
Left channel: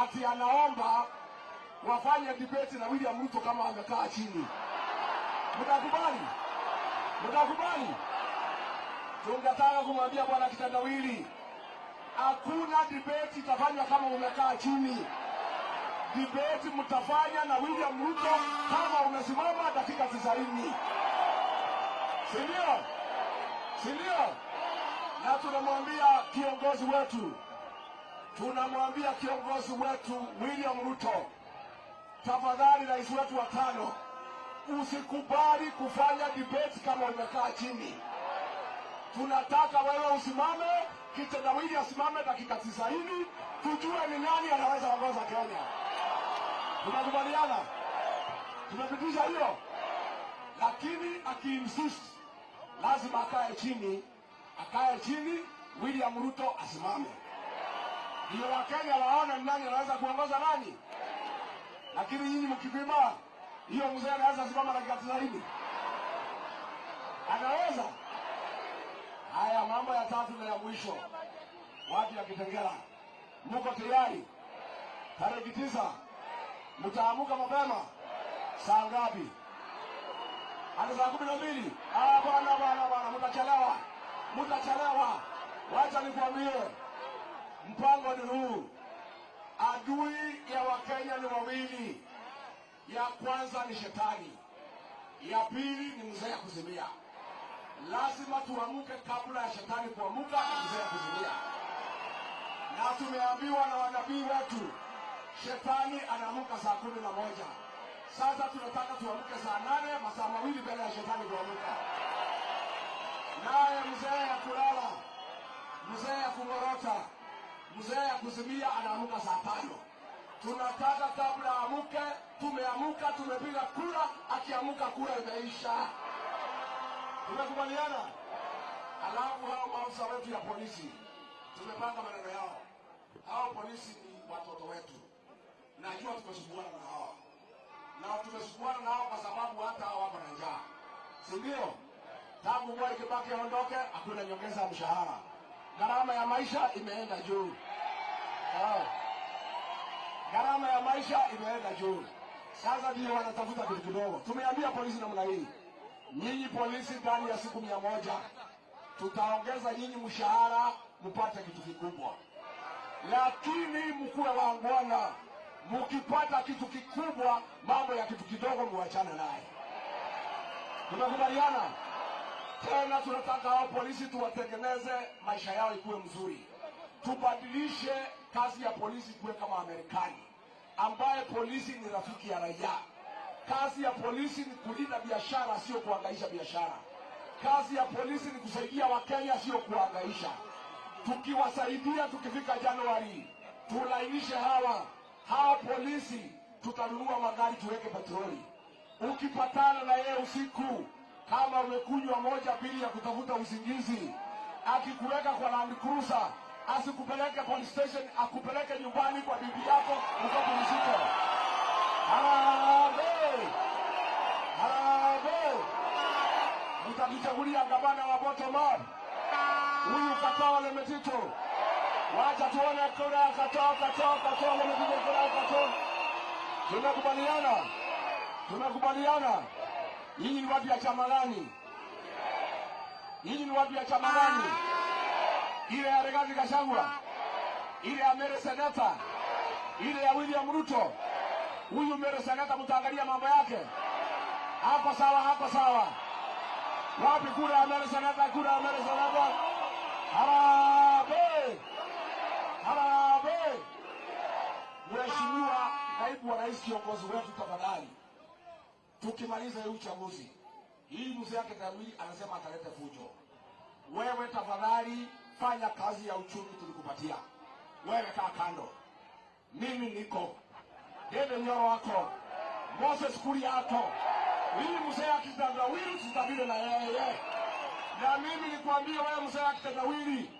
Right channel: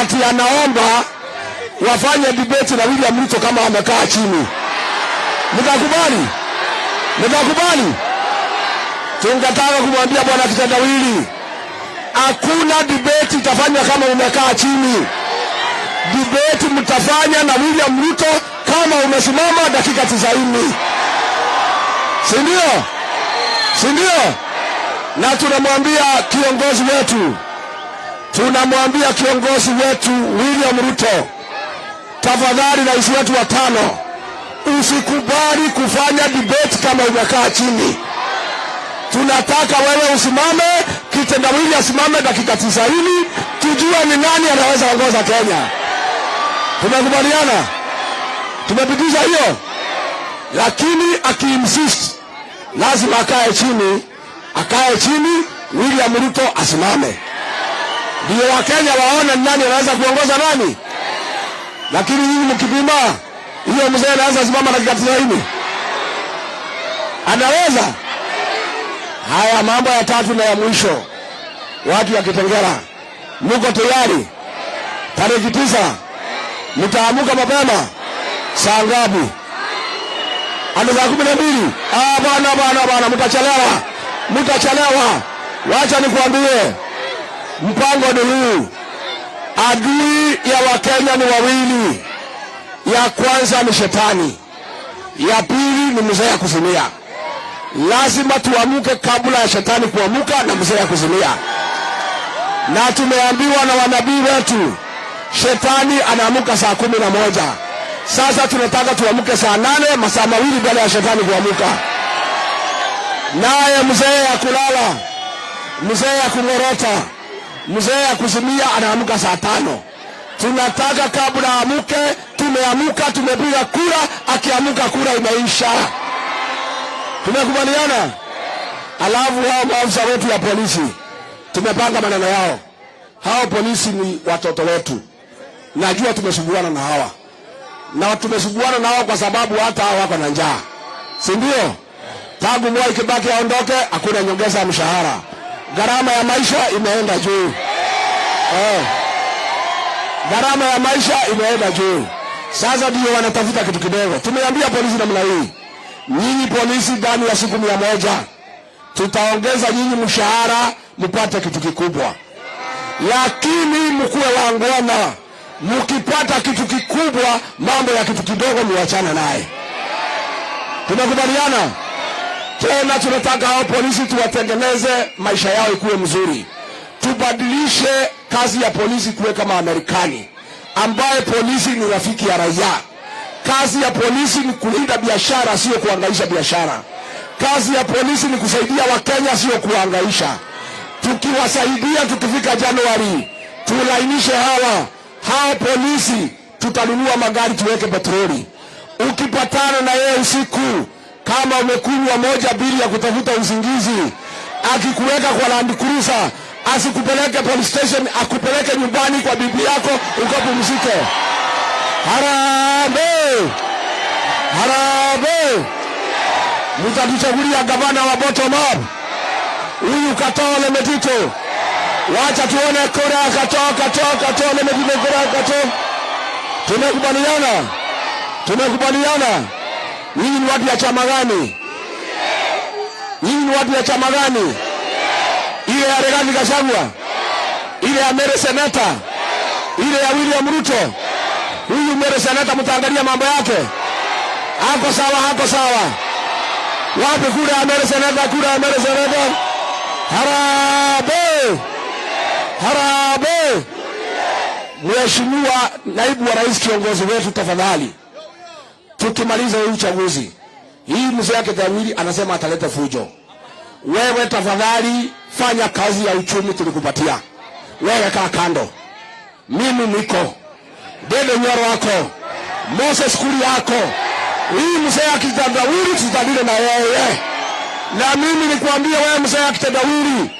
ati anaomba wafanye debate na William Ruto kama amekaa chini. Mtakubali? Tungetaka kumwambia bwana Kitendawili, hakuna debate itafanywa kama umekaa chini. Debate mtafanya na William Ruto kama umesimama dakika 90. Si ndio? Na tunamwambia kiongozi wetu William Ruto, tafadhali rais wetu wa 5, usikubali kufanya debate kama umekaa chini. Tunataka wewe usimame, Kitendawili asimame dakika 90, tujue ni nani anaweza kuongoza Kenya. Tumekubaliana? Tumepitisha hiyo. Lakini akiinsist lazima akae chini, William Ruto asimame. Ndio Wakenya waone nani anaweza kuongoza nani. Lakini nyinyi mkipima, hiyo mzee anaweza kusimama dakika 90. Anaweza? Haya, mambo ya tatu na ya mwisho. Watu ya Kitengela, mko tayari? Tarehe 9 mtaamuka mapema saa ngapi? Hadi saa 12. Bana, mtachelewa. Wacha nikwambie, mpango ni huu. Adui ya Wakenya ni wawili. Ya kwanza ni shetani, ya pili ni mzee ya kuzimia. Lazima tuamuke kabla ya shetani kuamuka na mzee ya kuzimia. Na tumeambiwa na wanabii wetu, shetani anaamuka saa 11. Sasa tunataka tuamuke saa 8, masaa mawili baada ya shetani kuamuka. Naye mzee ya kulala, mzee ya kungorota, mzee ya kuzimia anaamuka saa 5. Tunataka kabla amuke, tumeamuka, tumepiga kura, akiamuka kura imeisha. Tumekubaliana? Alafu hao maafisa wetu ya polisi, tumepanga maneno yao. Hao polisi ni watoto wetu. Najua tumesuguana na hawa. Na tumesuguana na hawa kwa sababu hata hawa wako na njaa. Si ndio? Tangu Mwai Kibaki aondoke, hakuna nyongeza ya mshahara. Gharama ya maisha imeenda juu. Gharama ya maisha imeenda juu. Sasa ndio wanatafuta kitu kidogo. Tumeambia polisi namna hii, nyinyi polisi ndani ya siku 100 tutaongeza nyinyi mshahara mpate kitu kikubwa. Lakini mkuwe wangwana, mkipata kitu kikubwa, mambo ya kitu kidogo muachana naye. Tumekubaliana? Tena tunataka hao polisi tuwatengeneze maisha yao ikuwe mzuri. tubadilishe kazi ya polisi kuwe kama Amerikani, ambaye polisi ni rafiki ya raia. Kazi ya polisi ni kulinda biashara, sio kuhangaisha biashara. Kazi ya polisi ni kusaidia Wakenya, sio kuhangaisha. Tukiwasaidia, tukifika Januari tulainishe hawa polisi, tutanunua magari, tuweke petroli. Ukipatana na yeye usiku, kama umekunywa moja bili ya kutafuta usingizi, akikuweka kwa Land Cruiser, asikupeleke police station, akupeleke nyumbani kwa bibi yako ukapumzike. Harambee! Harambee! Mtatuchagulia gavana wa bottom up. Huyu Katoo na Metito. Wacha tuone kura Katoo na Metito, kura Katoo. Tumekubaliana? Tumekubaliana? Nyinyi ni watu ya chama gani? Nyinyi ni watu ya chama gani? Ile ya Rigathi Gachagua, ile ya mere Seneta, ile ya William Ruto. Huyu mere Seneta mtaangalia mambo yake. Hako sawa, hako sawa. Wapi kura ya mere Seneta, kura ya mere Seneta? Harambee! Harambee! Mheshimiwa naibu wa rais, kiongozi wetu, tafadhali, tukimaliza huu uchaguzi, hii mzee yake Kithure anasema ataleta fujo. Wewe tafadhali fanya kazi ya uchumi tulikupatia. Wewe kaa kando. Mimi niko. Dede Nyoro wako. Moses Kuria yako. Hii mzee akitandawiri tutadile na yeye. Na mimi nikwambia wewe mzee akitandawiri,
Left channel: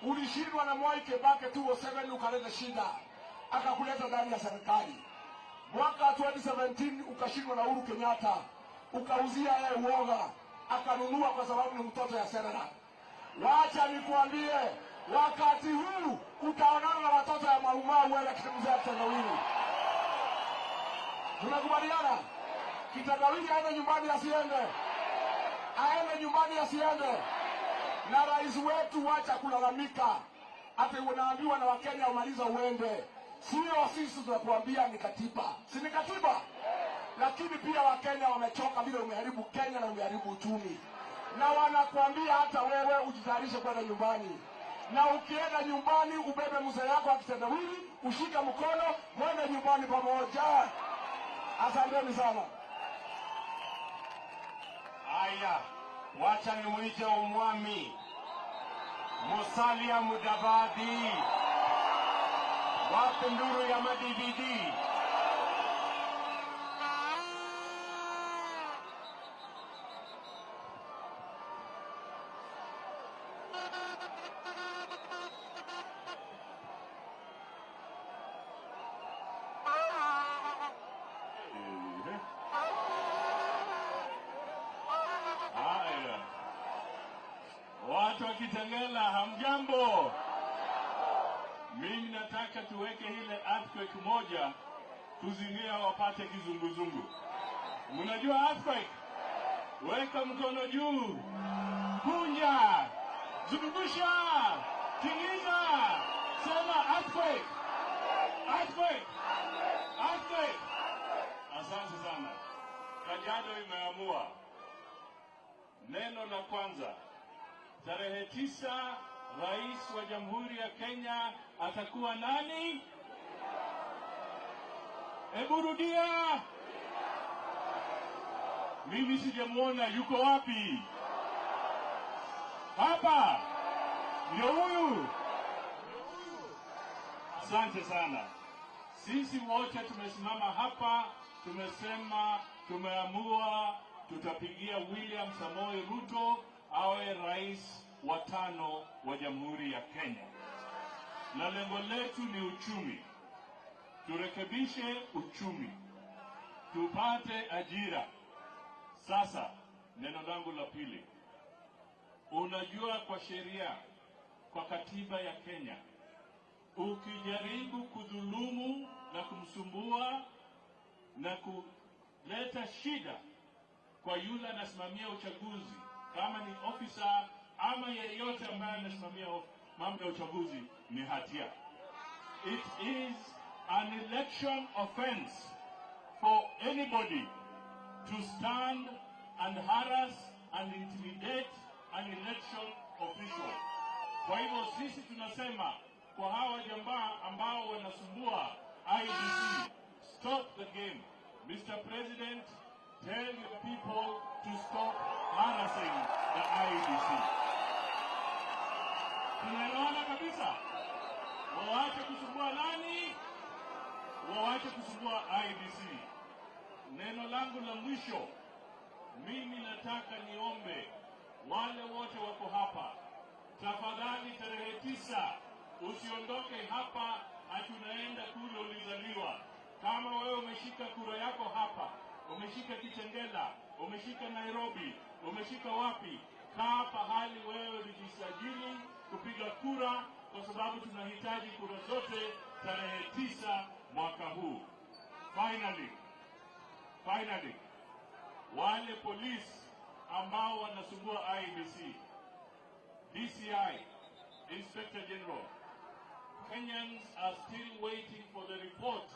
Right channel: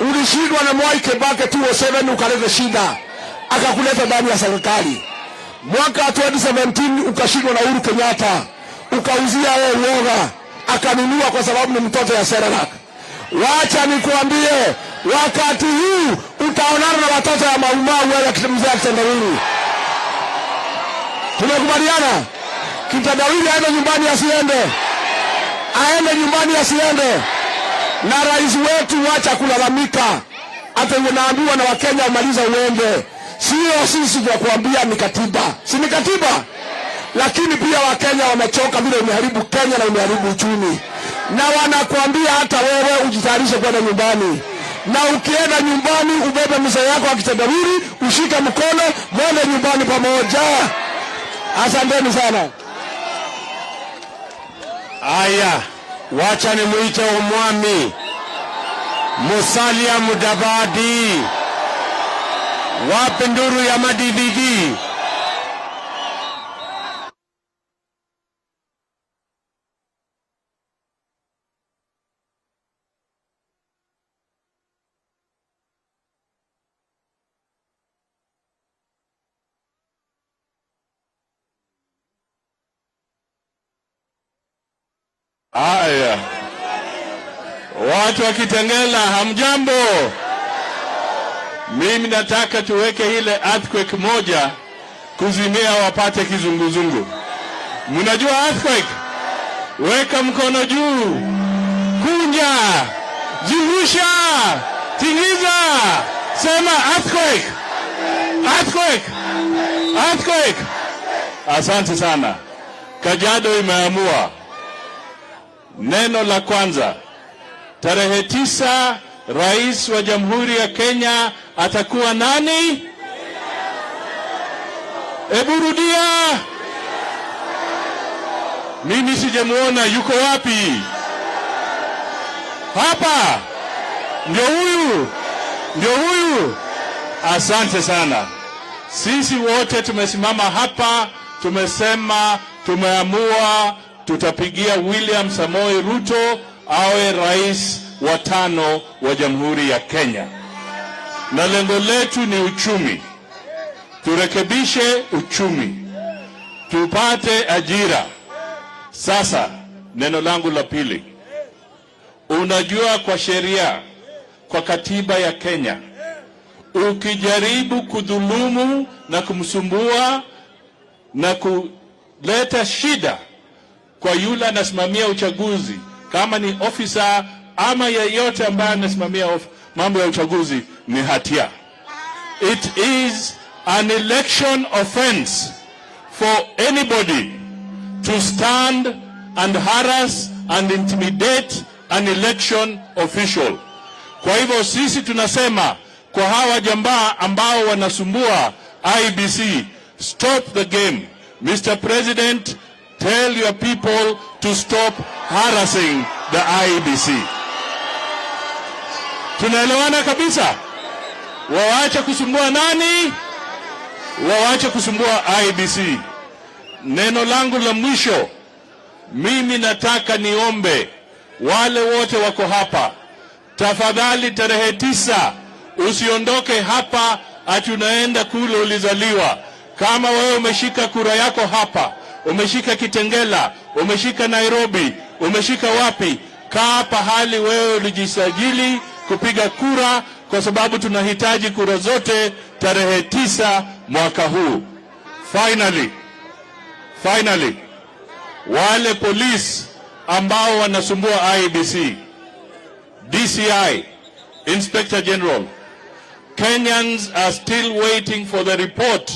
ulishindwa na Mwai Kibaki 2007 ukaleta shida. Akakuleta ndani ya serikali. Mwaka 2017 ukashindwa na Uhuru Kenyatta. Ukauzia yeye uoga. Akanunua kwa sababu ni mtoto ya Serelak. Wacha nikuambie, wakati huu utaonana na watoto ya maumau wale mzee Kitendawili. Tumekubaliana? Kitendawili aende nyumbani asiende. Aende nyumbani asiende. Na rais wetu wacha kulalamika. Hata unaambiwa na Wakenya umaliza uende. Sio sisi tunakuambia ni katiba. Si ni katiba? Lakini pia Wakenya wamechoka vile umeharibu Kenya na umeharibu uchumi. Na wanakuambia hata wewe ujitayarishe kwenda nyumbani. Na ukienda nyumbani ubebe mzee yako akitendawili, ushike mkono, mwende nyumbani pamoja. Asanteni sana. Aya, wacha nimuite umwami Musalia Mudavadi. Wape nduru ya madividi. Aya, watu wa Kitengela, hamjambo? Mimi nataka tuweke ile earthquake moja kuzimia wapate kizunguzungu. Mnajua earthquake? Weka mkono juu, kunja, zungusha, tingiza, sema earthquake, earthquake, earthquake. Asante sana. Kajiado imeamua. Neno la kwanza, tarehe 9 rais wa Jamhuri ya Kenya atakuwa nani? Ebu rudia. Mimi sijamuona, yuko wapi? Hapa. Ndio huyu. Ndio huyu. Asante sana. Sisi wote tumesimama hapa, tumesema, tumeamua tutapigia William Samoei Ruto awe rais wa 5 wa Jamhuri ya Kenya. Na lengo letu ni uchumi. Turekebishe uchumi. Tupate ajira. Sasa, neno langu la pili. Unajua kwa sheria, kwa katiba ya Kenya, ukijaribu kudhulumu na kumsumbua na kuleta shida kwa yule anasimamia uchaguzi, kama ni ofisa ama yeyote ambaye anasimamia mambo ya uchaguzi, ni hatia. It is an election offense for anybody to stand and harass and intimidate an election official. Kwa hivyo sisi tunasema kwa hawa jamaa ambao wanasumbua IEBC. Stop the game. Mr. President, tell your people to stop harassing the IEBC. Tunaelewana kabisa? Waache kusumbua nani? Waache kusumbua IEBC. Neno langu la mwisho, mimi nataka niombe wale wote wako hapa, tafadhali tarehe 9 usiondoke hapa ati unaenda kule ulizaliwa. Kama wewe umeshika kura yako hapa, umeshika Kitengela, umeshika Nairobi, umeshika wapi, kaa pahali wewe ulijisajili kupiga kura, kwa sababu tunahitaji kura zote tarehe 9 mwaka huu. Finally, wale polisi ambao wanasumbua IEBC, DCI, Inspector General, Kenyans are still waiting for the report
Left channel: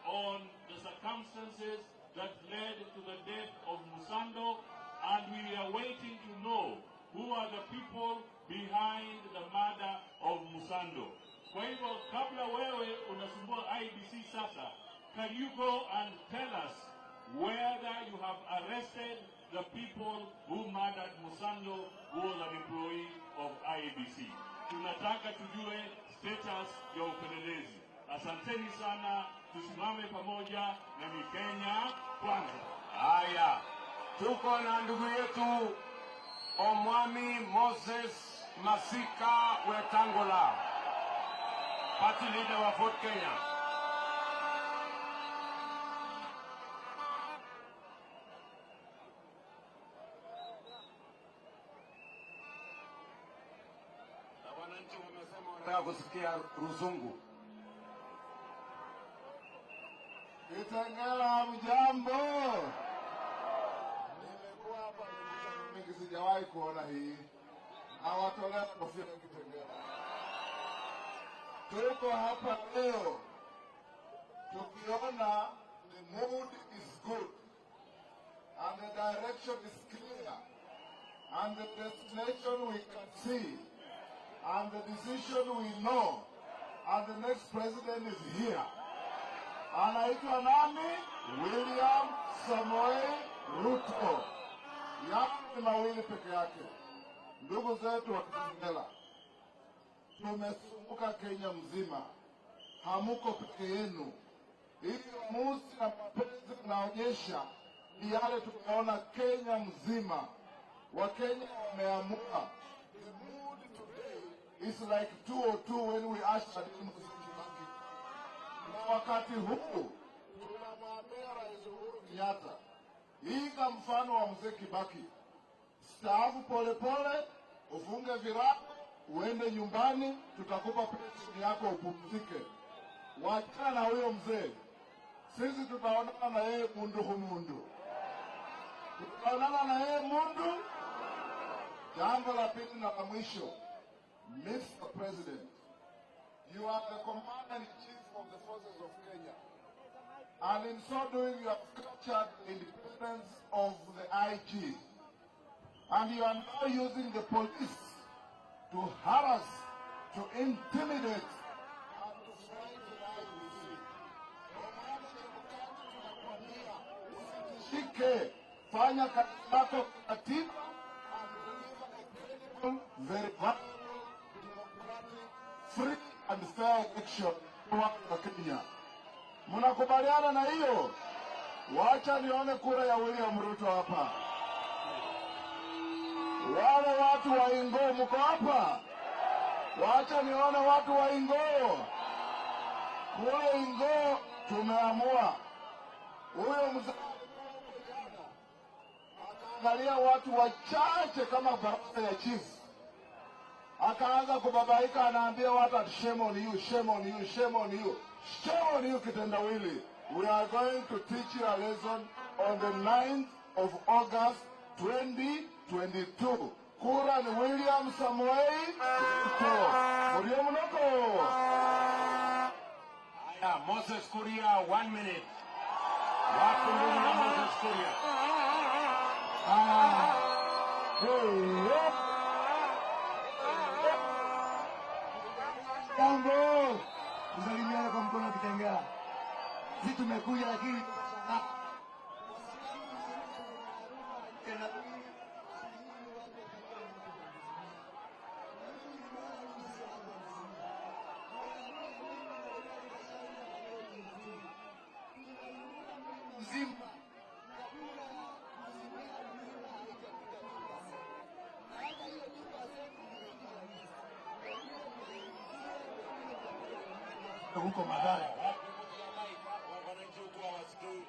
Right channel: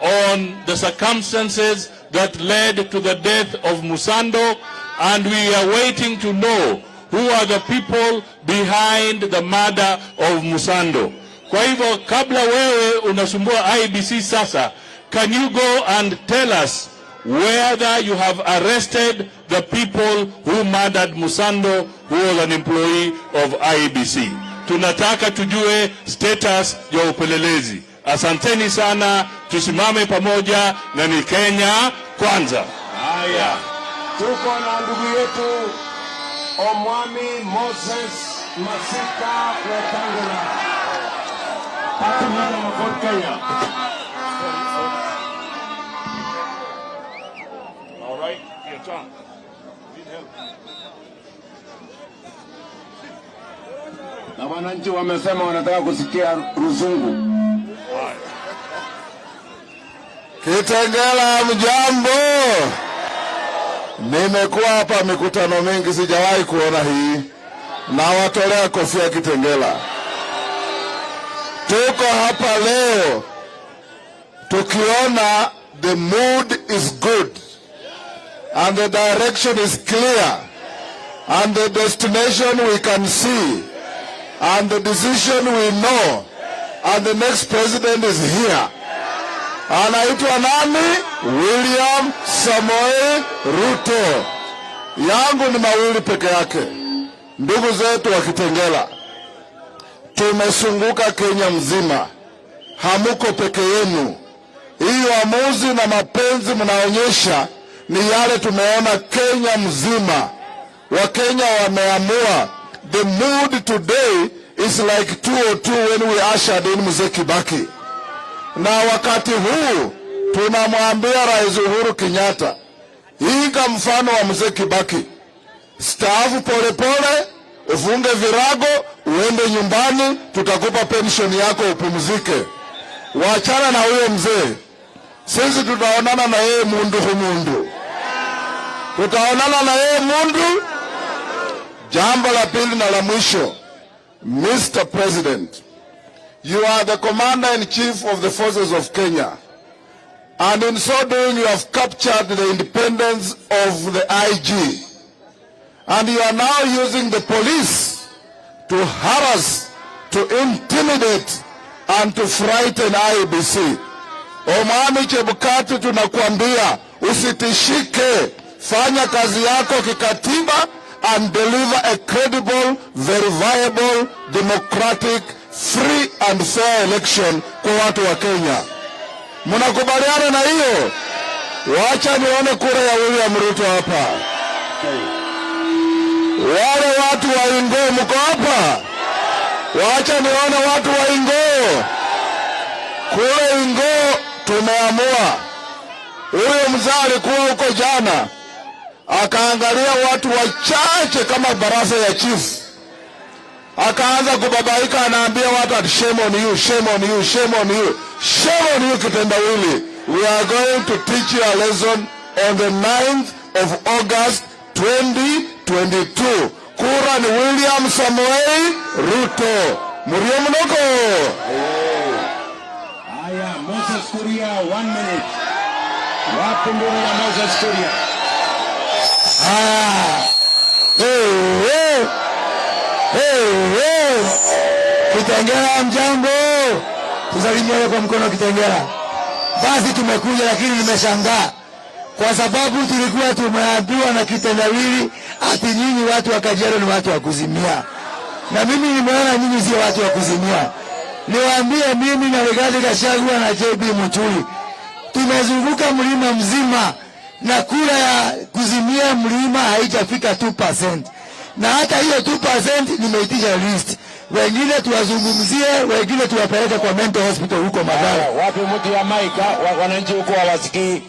on the circumstances that led to the death of Musando, and we are waiting to know who are the people behind the murder of Musando. Kwa hivyo kabla wewe unasumbua IEBC sasa, can you go and tell us whether you have arrested the people who murdered Musando, who was an employee of IEBC? Tunataka tujue status ya upelelezi. Asanteni sana, tusimame pamoja na ni Kenya kwanza. Haya, tuko na ndugu yetu Omwami Moses Masika Wetang'ula. Patumana mkoa Kenya. All right, your turn. Need help. Na wananchi wamesema wanataka kusikia Ruzungu. Kitengela, mjambo. Nimekuwa hapa mikutano mingi, sijawahi kuona hii. Na watolea kofia Kitengela. Tuko hapa leo tukiona the mood is good and the direction is clear and the destination we can see and the decision we know and the next president is here. Anaitwa nani? William Samoei Ruto. Yangu ni mawili peke yake. Ndugu zetu wa Kitengela, tumesunguka Kenya mzima. Hamuko peke yenu. Hii uamuzi na mapenzi mnaonyesha ni yale tumeona Kenya mzima. Wakenya wameamua. The mood today is like 202 when we ushered in Mzee Kibaki. Na wakati huu tunamwambia Rais Uhuru Kenyatta, iga mfano wa Mzee Kibaki. Staafu polepole, ufunge virago, uende nyumbani, tutakupa pension yako upumzike. Wachana na huyo mzee. Sisi tutaonana na yeye mundu humundu. Tutaonana na yeye mundu. Jambo la pili na la mwisho, Mr. President, you are the commander-in-chief of the forces of Kenya. And in so doing, you have captured the independence of the IG. And you are now using the police to harass, to intimidate, and to frighten IEBC. Omwami Chebukati, tunakuambia, usitishike, fanya kazi yako kikatiba, and deliver a credible, verifiable, democratic, free and fair election kwa watu wa Kenya. Mnakubaliana na hiyo? Wacha nione kura ya William Ruto hapa. Wale watu wa Ingo mko hapa? Wacha nione watu wa Ingo. Kule Ingo tumeamua. Huyo mzee alikuwa huko jana, akaangalia watu wachache kama baraza ya chief. Akaanza kubabaika, anaambia watu at shame on you, shame on you, shame on you, shame on you kitendawili. We are going to teach you a lesson on the 9th of August 2022. Kura ni William Samoei Ruto. Murio mnoko. Aya, Moses Kuria, 1 minute. Wapi mbona ya Moses Kuria? Hey, hey. Hey, hey. Kitengela mjambo. Tusalimie kwa mkono Kitengela. Basi tumekuja, lakini nimeshangaa kwa sababu tulikuwa tumeambiwa na kitendawili ati nyinyi watu wa Kajiado ni watu wa kuzimia. Na mimi nimeona nyinyi sio watu wa kuzimia. Niwaambie mimi na Rigathi Gachagua na JB Muturi tumezunguka mlima mzima na kura ya kuzimia mlima haijafika 2%. Na hata hiyo 2% nimeitisha list. Wengine tuwazungumzie, wengine tuwapeleke kwa mental hospital huko Madara. Wapi mtu ya mic? Wananchi huko hawasikii.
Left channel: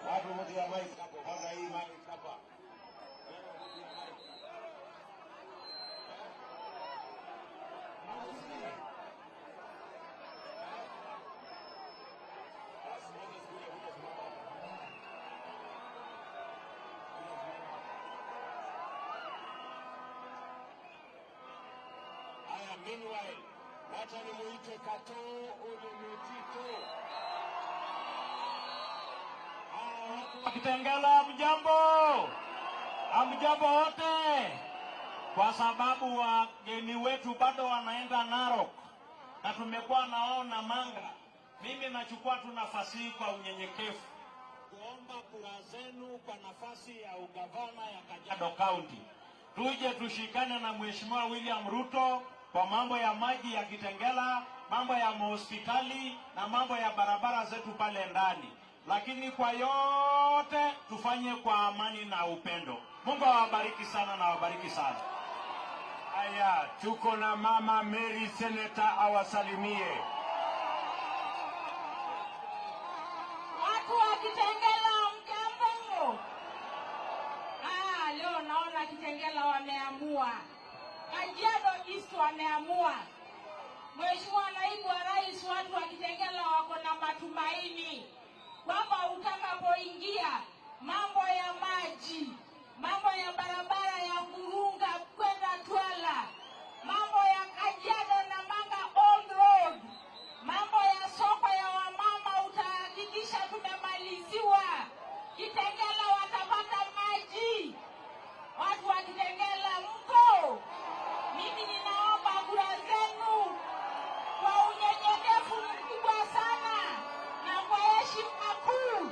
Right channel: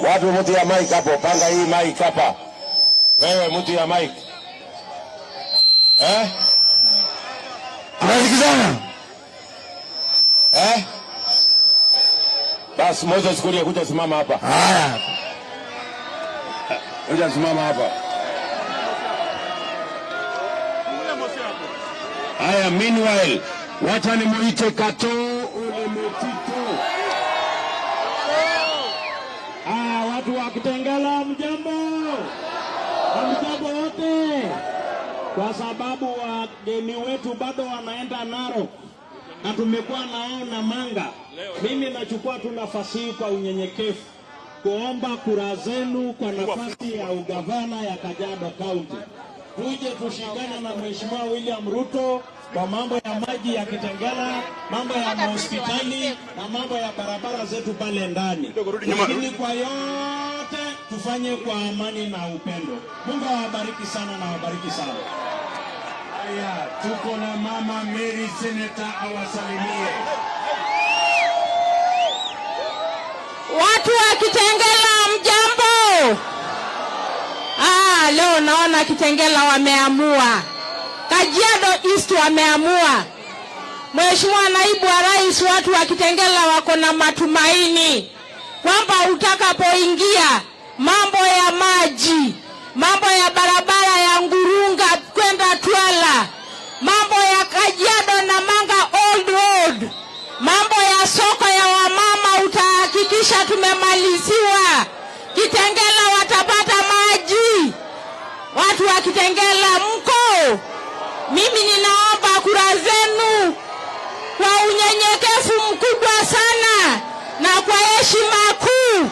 Wapi mtu ya mic hapo? Panga hii mic hapa. Wewe mtu ya mic. Tunasikizana? Basi Moses Kuria kuja simama hapa. Haya. Kuja simama hapa. Haya, meanwhile, wacha nimuite Katoo ule Metito. Watu wa Kitengela mjambo. Mjambo wote. Kwa sababu wageni wetu bado wanaenda Narok na tumekuwa nao Namanga. Mimi nachukua tu nafasi hii kwa unyenyekevu kuomba kura zenu kwa nafasi ya ugavana ya Kajiado County. Tuje tushikane na Mheshimiwa William Ruto kwa mambo ya maji ya Kitengela, mambo ya hospitali na mambo ya barabara zetu pale ndani. Lakini kwa yote tufanye kwa amani na upendo. Mungu awabariki sana na awabariki sana. Haya, tuko na Mama Mary Seneta awasalimie. Watu wa Kitengela mjambo. Leo naona Kitengela wameamua. Kajiado East wameamua. Mheshimiwa Naibu wa Rais, watu wa Kitengela wako na matumaini kwamba utakapoingia mambo ya maji, mambo ya barabara ya Ngurunga kwenda Twala, mambo ya Kajiado Namanga Old Road, mambo ya soko ya wamama utahakikisha tumemaliziwa. Kitengela watapata maji. Watu wa Kitengela mko? Mimi ninaomba kura zenu kwa unyenyekevu mkubwa sana na kwa heshima kuu.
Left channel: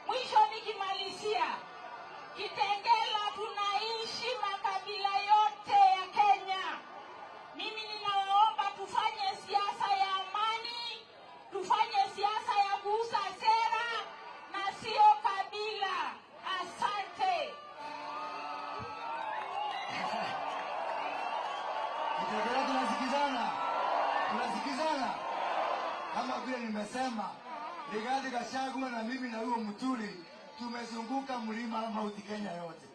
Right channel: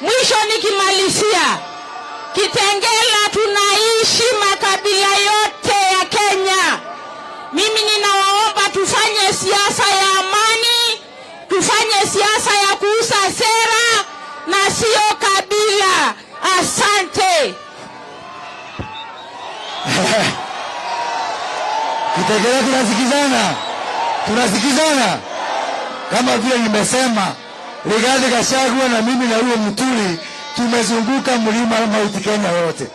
Mwisho nikimalizia, Kitengela tunaishi makabila yote ya Kenya. Mimi ninawaomba tufanye siasa ya amani, tufanye siasa ya kuuza sera na sio kabila. Asante. Kitengela tunasikizana. Tunasikizana. Kama vile nimesema, Rigathi Gachagua na mimi na huyo Muturi tumezunguka mlima Mount Kenya yote.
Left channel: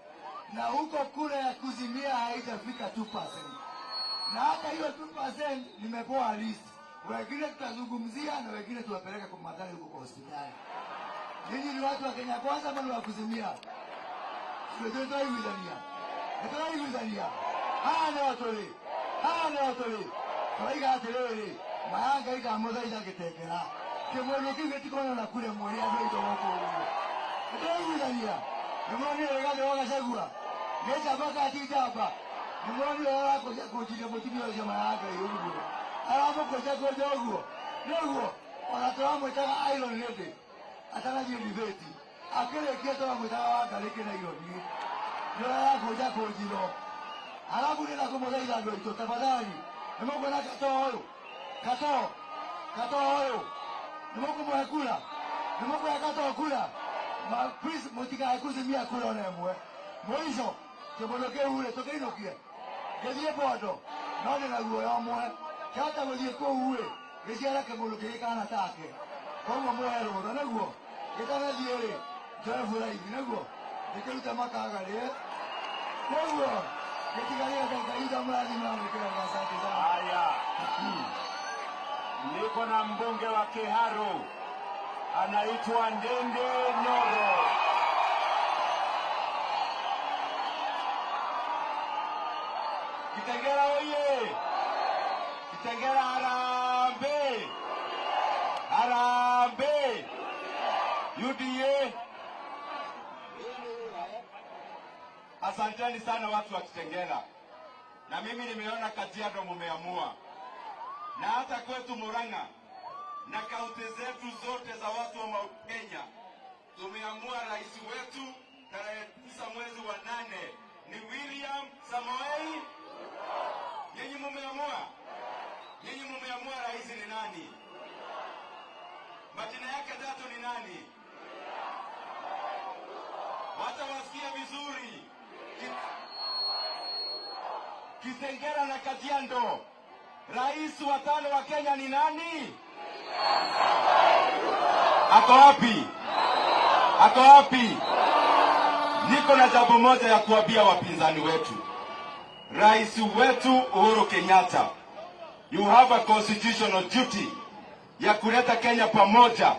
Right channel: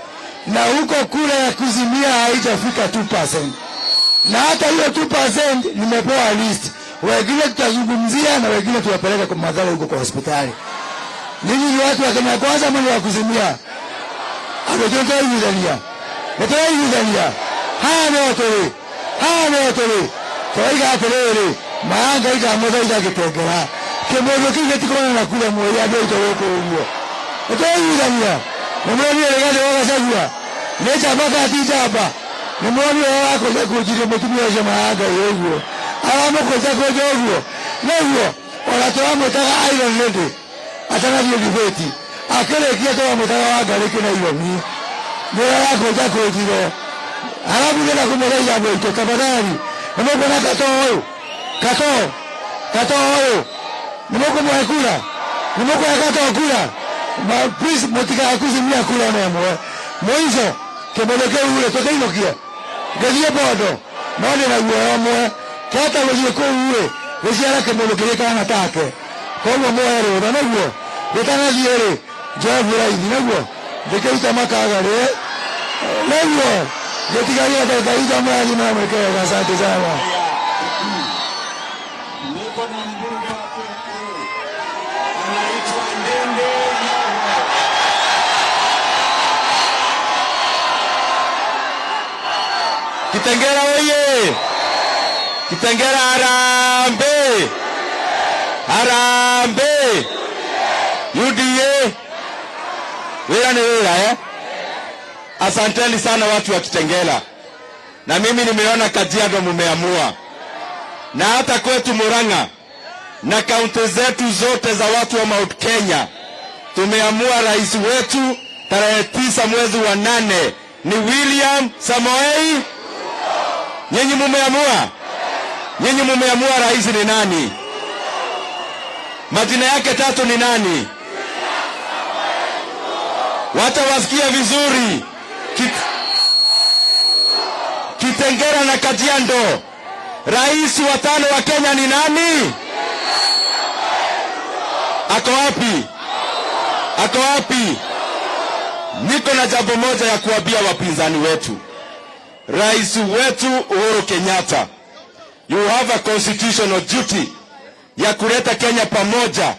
Na huko kura ya kuzimia haijafika 2%. Na hata hiyo 2% nimepewa list. Wengine tutazungumzia na wengine tuwapeleka kwa madhara huko kwa hospitali. Ninyi ni watu wa Kenya Kwanza ama wa kuzimia? Amejotoa yuzalia. Natoa yuzalia. Haya notore. Toiga aterere. Maanga ika moza Kitengela. Kemozo kile tikona na kule moya ndio itaweko huyo. Natoa yuzalia. Nimwambia Rigathi Gachagua. Necha baka atijaba. Nimwambia wako za kujire mtumia wa maanga yego. Alamo kwa kwa jogo. Leo wanatoa mtaka Iron Lady. Atana hiyo debate. Akele kia mtaka wa gari kuna hiyo ni. Ndio yako za kujire. Alafu nenda kumweleza hapo tafadhali. Nimekuwa na Katoo. Nimekuwa mwakula. Nimekuwa Katoo kula. Please motika akuzimia kula na mwe. Mwizo kebeleke ule toka hilo kia. Gazie bodo. None na uwe mwe. Kata wewe ko uwe. Wewe ala kebeleke kana take. Kwa mwe ro na uwe. Betana diere. Javu la hivi na uwe. Deke makaga le. Leo Jetigalia kaida mali na mwekea. Asante sana. Niko na mbunge wa Kiharu. Anaitwa Ndindi. Kitengela oye. Kitengela harambe. Harambe. UDA. Wila ni wila Asanteni sana watu wa Kitengela. Na mimi nimeona Kajiado mumeamua. na hata kwetu Murang'a na kaunti zetu zote za watu wa Mount Kenya, tumeamua rais wetu tarehe 9 mwezi wa 8 ni William Samoei. Nyinyi mumeamua? Nyinyi mumeamua rais ni nani? Majina yake 3 ni nani? Wata wasikia vizuri. Kitengela na Kajiado. Rais wa 5 wa Kenya ni nani? Ako wapi? Ako wapi? Niko na jambo moja ya kuambia wapinzani wetu. Rais wetu Uhuru Kenyatta, you have a constitutional duty ya kuleta Kenya pamoja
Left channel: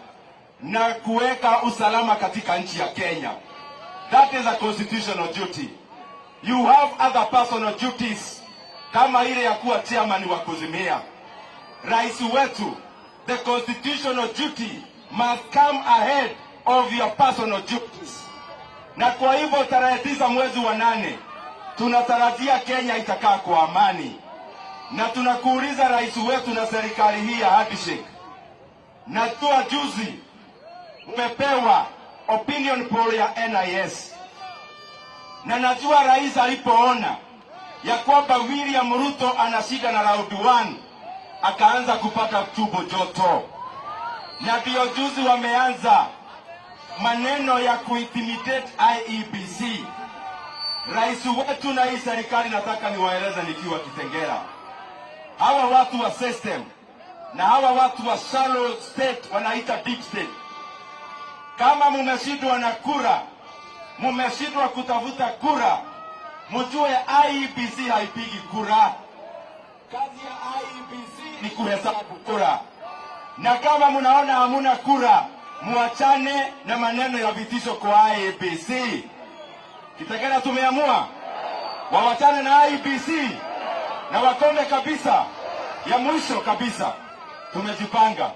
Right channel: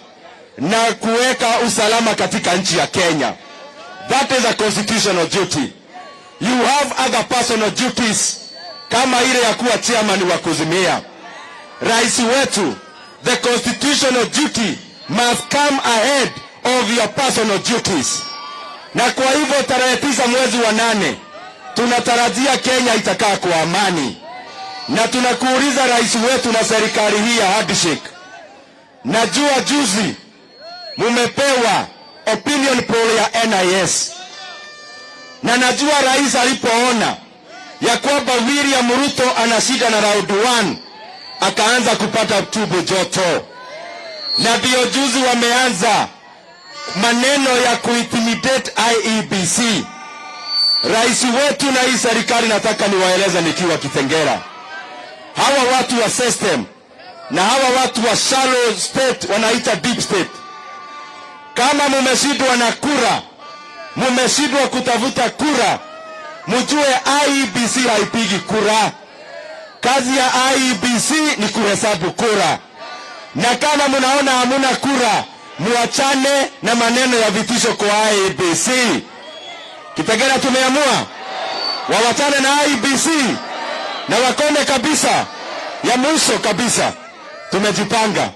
na kuweka usalama katika nchi ya Kenya. That is a constitutional duty. You have other personal duties kama ile ya kuwa chairman wa kuzimia. Rais wetu, the constitutional duty must come ahead of your personal duties. Na kwa hivyo tarehe 9 mwezi wa 8 tunatarajia Kenya itakaa kwa amani. Na tunakuuliza rais wetu na serikali hii ya handshake, najua juzi mumepewa opinion poll ya NIS, na najua rais alipoona ya kwamba William Ruto anashida na round 1 akaanza kupata tumbo joto, na ndio juzi wameanza maneno ya kuintimidate IEBC. Rais wetu na hii serikali, nataka niwaeleza nikiwa Kitengela, hawa watu wa system na hawa watu wa shallow state wanaita deep state, kama mumeshindwa na kura, mumeshindwa kutafuta kura, mjue IEBC haipigi kura. Kazi ya IEBC ni kuhesabu kura, na kama mnaona hamuna kura, muachane na maneno ya vitisho kwa IEBC. Kitengela tumeamua wawachane na IEBC na wakome kabisa. Ya mwisho kabisa, tumejipanga.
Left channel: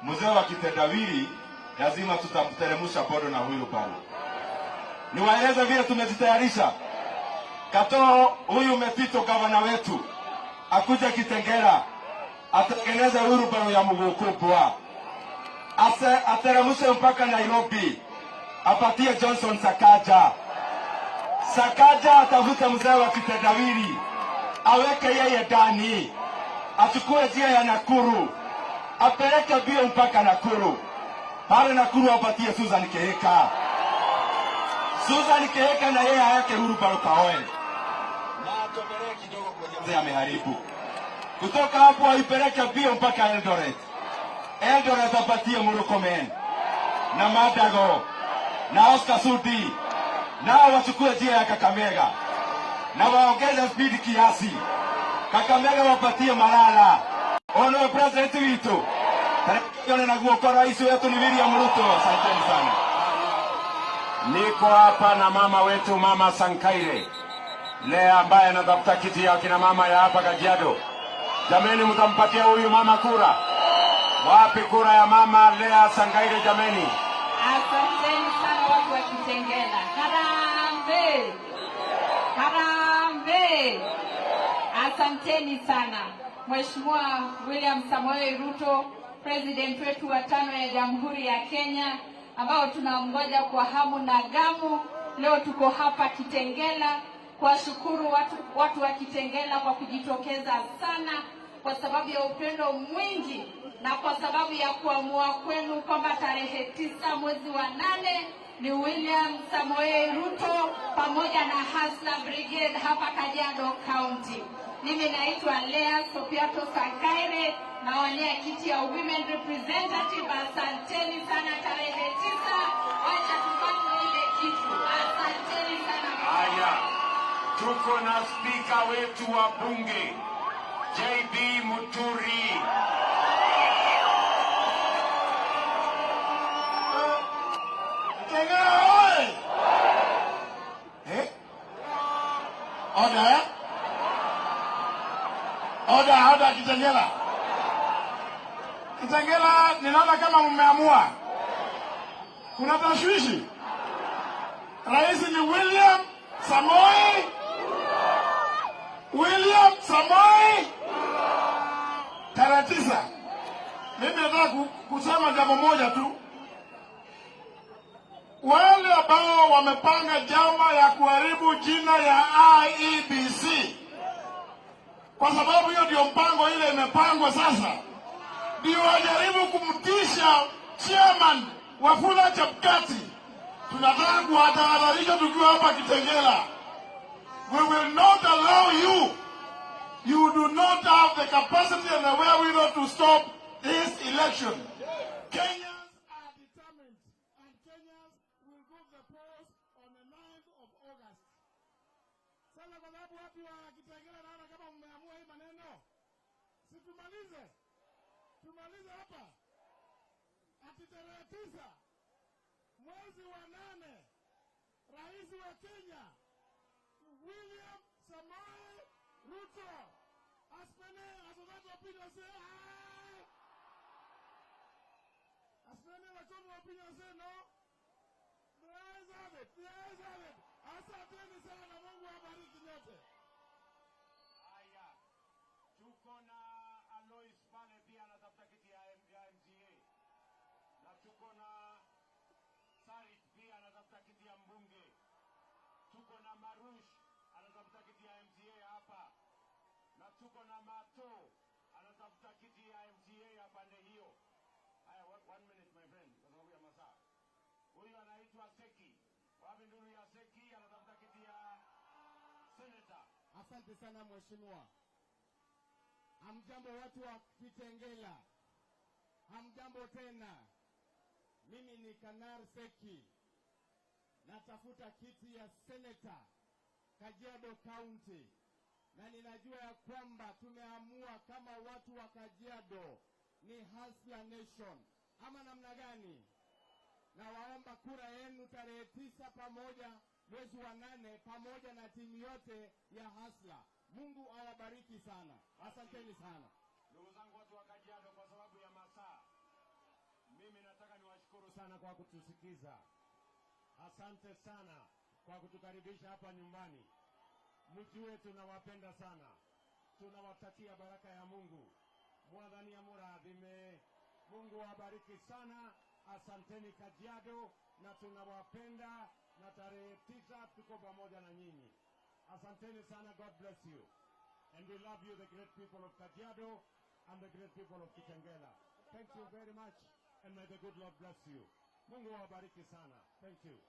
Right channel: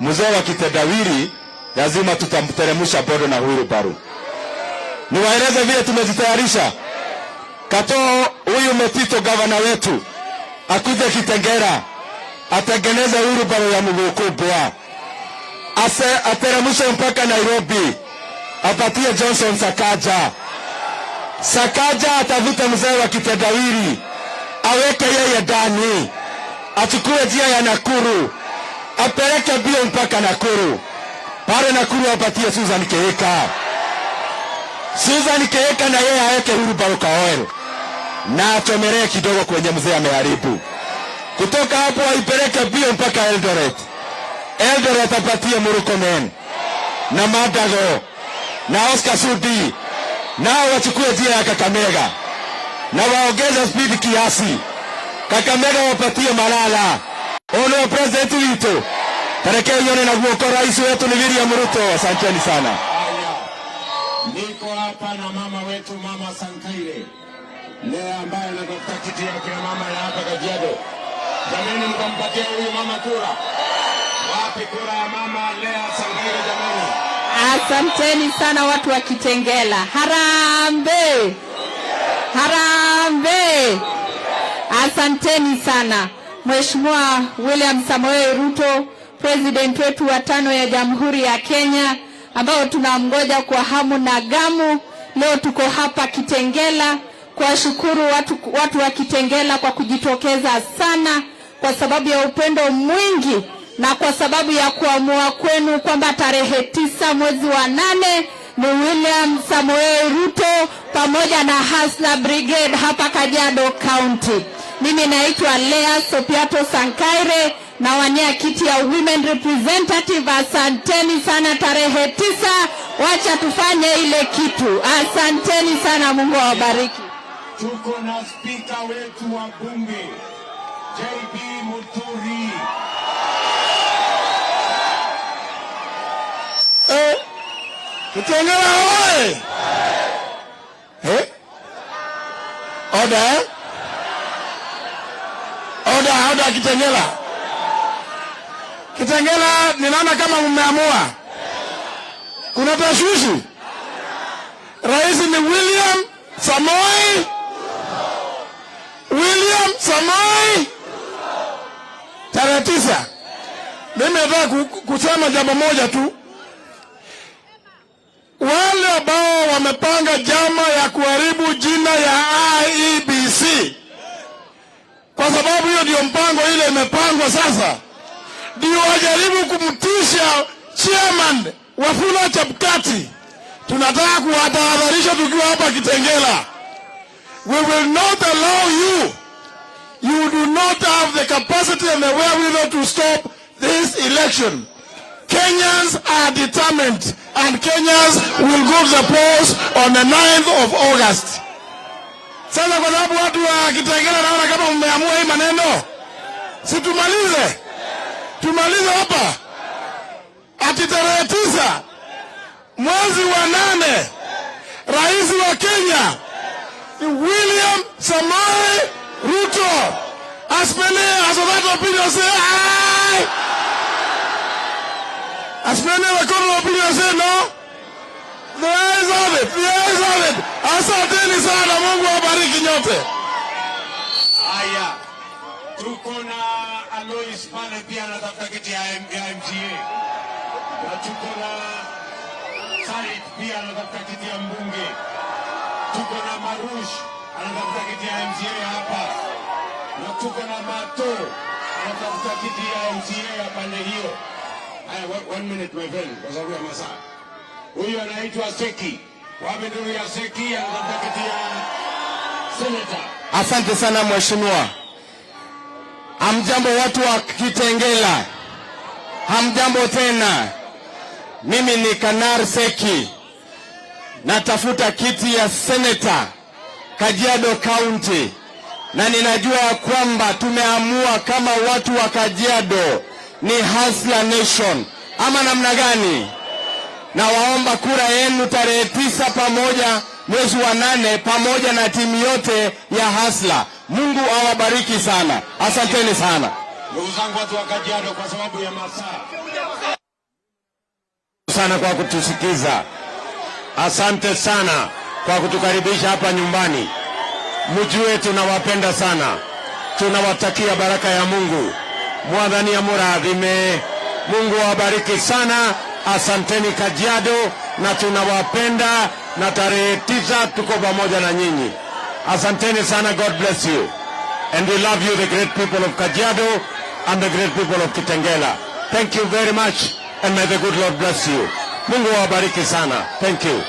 Mzee wa kitendawili lazima tutamteremusha bodo na wheelbarrow. Niwaeleze vile tumejitayarisha. Katoo huyu Metito gavana wetu akuje Kitengela, atengeneze wheelbarrow ya mgukubwa, ateremushe mpaka Nairobi, apatie Johnson Sakaja. Sakaja atavuta mzee wa kitendawili, aweke yeye ndani, achukue njia ya Nakuru, apeleke bio mpaka Nakuru. Pale Nakuru apatie Susan Keheka. Susan Keheka na yeye aweke wheelbarrow kaoel, na atomelee kidogo kwenye mzee ameharibu. Kutoka hapo aipeleke bio mpaka Eldoret. Eldoret apatie Murkomen na Madago na Oscar Sudi, nao wachukue njia ya Kakamega na waongeze speed kiasi. Kakamega wapatie Malala. Ono president wetu tarehe yone na guoko rais wetu ni William Ruto. Asanteni sana. Niko hapa na mama wetu, Mama Sankaire Lea, ambaye anatafuta kiti ya kina mama ya hapa Kajiado. Jameni, mtampatia huyu mama kura. Wapi kura ya mama Lea Sankaire jameni? Asanteni sana watu wa Kitengela. Harambe! Harambe! Asanteni sana. Mheshimiwa William Samoei Ruto, president wetu wa 5 ya Jamhuri ya Kenya, ambao tunamngoja kwa hamu na gamu. Leo tuko hapa Kitengela kuwashukuru watu wa Kitengela kwa kujitokeza sana, kwa sababu ya upendo mwingi na kwa sababu ya kuamua kwenu kwamba tarehe 9 mwezi wa 8 ni William Samoei Ruto pamoja na Hasla Brigade hapa Kajiado County. Mimi naitwa Lea Sopiato Sankaire na wania kiti ya Women Representative. Asanteni sana tarehe 9, wacha tufanye ile kitu. Asanteni sana, Mungu awabariki. Tuko na spika wetu wa bunge JB Muturi. Kitengela oye! Order! Order Kitengela. Kitengela, ninaona kama mmeamua. Kuna tashwishi. Rais ni William Samoei. tarehe 9. Mimi nataka kusema jambo moja tu. Wale ambao wamepanga jama ya kuharibu jina ya IEBC, kwa sababu hiyo ndio mpango ile imepangwa sasa, ndio wajaribu kumtisha chairman Wafula Chapkati. Tunataka kuwatahadharisha tukiwa hapa Kitengela. We will not allow you. You do not have the capacity and the wherewithal to stop this election. Kenyans are determined, and Kenyans will go to the polls on the 9th of August. Sasa kwa sababu watu wa Kitengela naona kama mmeamua hii maneno, si tumalize hapa. Ati tarehe 9 mwezi wa 8, rais wa Kenya William Samoei Ruto has that opinion, say aye. As many of the opinion say no. The eyes of it. Asanteni sana, Mungu awabariki nyote. Haya, tuko na Alois pale pia anatafuta kiti ya MCA. Na tuko na Said pia anatafuta kiti ya mbunge. Tuko na Marush anatafuta kiti ya MCA hapa. Na tuko na Mato anatafuta kiti ya MCA ya pande hiyo. Haya, 1 minute my friend, kwa sababu ya masaa. Huyu anaitwa Seki. Wapi ndio ya Seki anatafuta kiti ya Seneta. Asante sana mheshimiwa. Hamjambo watu wa Kitengela. Hamjambo tena. Mimi ni Kanar Seki. Natafuta kiti ya Seneta Kajiado County. Na ninajua kwamba tumeamua kama watu wa Kajiado ni hustler nation. Ama namna gani? Na waomba kura yenu tarehe 9 pamoja mwezi wa 8 pamoja na timu yote ya hustler. Mungu awabariki sana. Asanteni sana. Ndugu zangu watu wa Kajiado, kwa sababu ya masaa sana kwa kutusikiza. Asante sana kwa kutukaribisha hapa nyumbani. Mjue tunawapenda sana. Tunawatakia baraka ya Mungu. Mwadhani ya muradhime. Mungu awabariki sana. Asanteni Kajiado, na tunawapenda, na tarehe 9 tuko pamoja na nyinyi. Asanteni sana. God bless you. And we love you, the great people of Kajiado and the great people of Kitengela. Thank you very much, and may the good Lord bless you. Mungu awabariki sana. Thank you.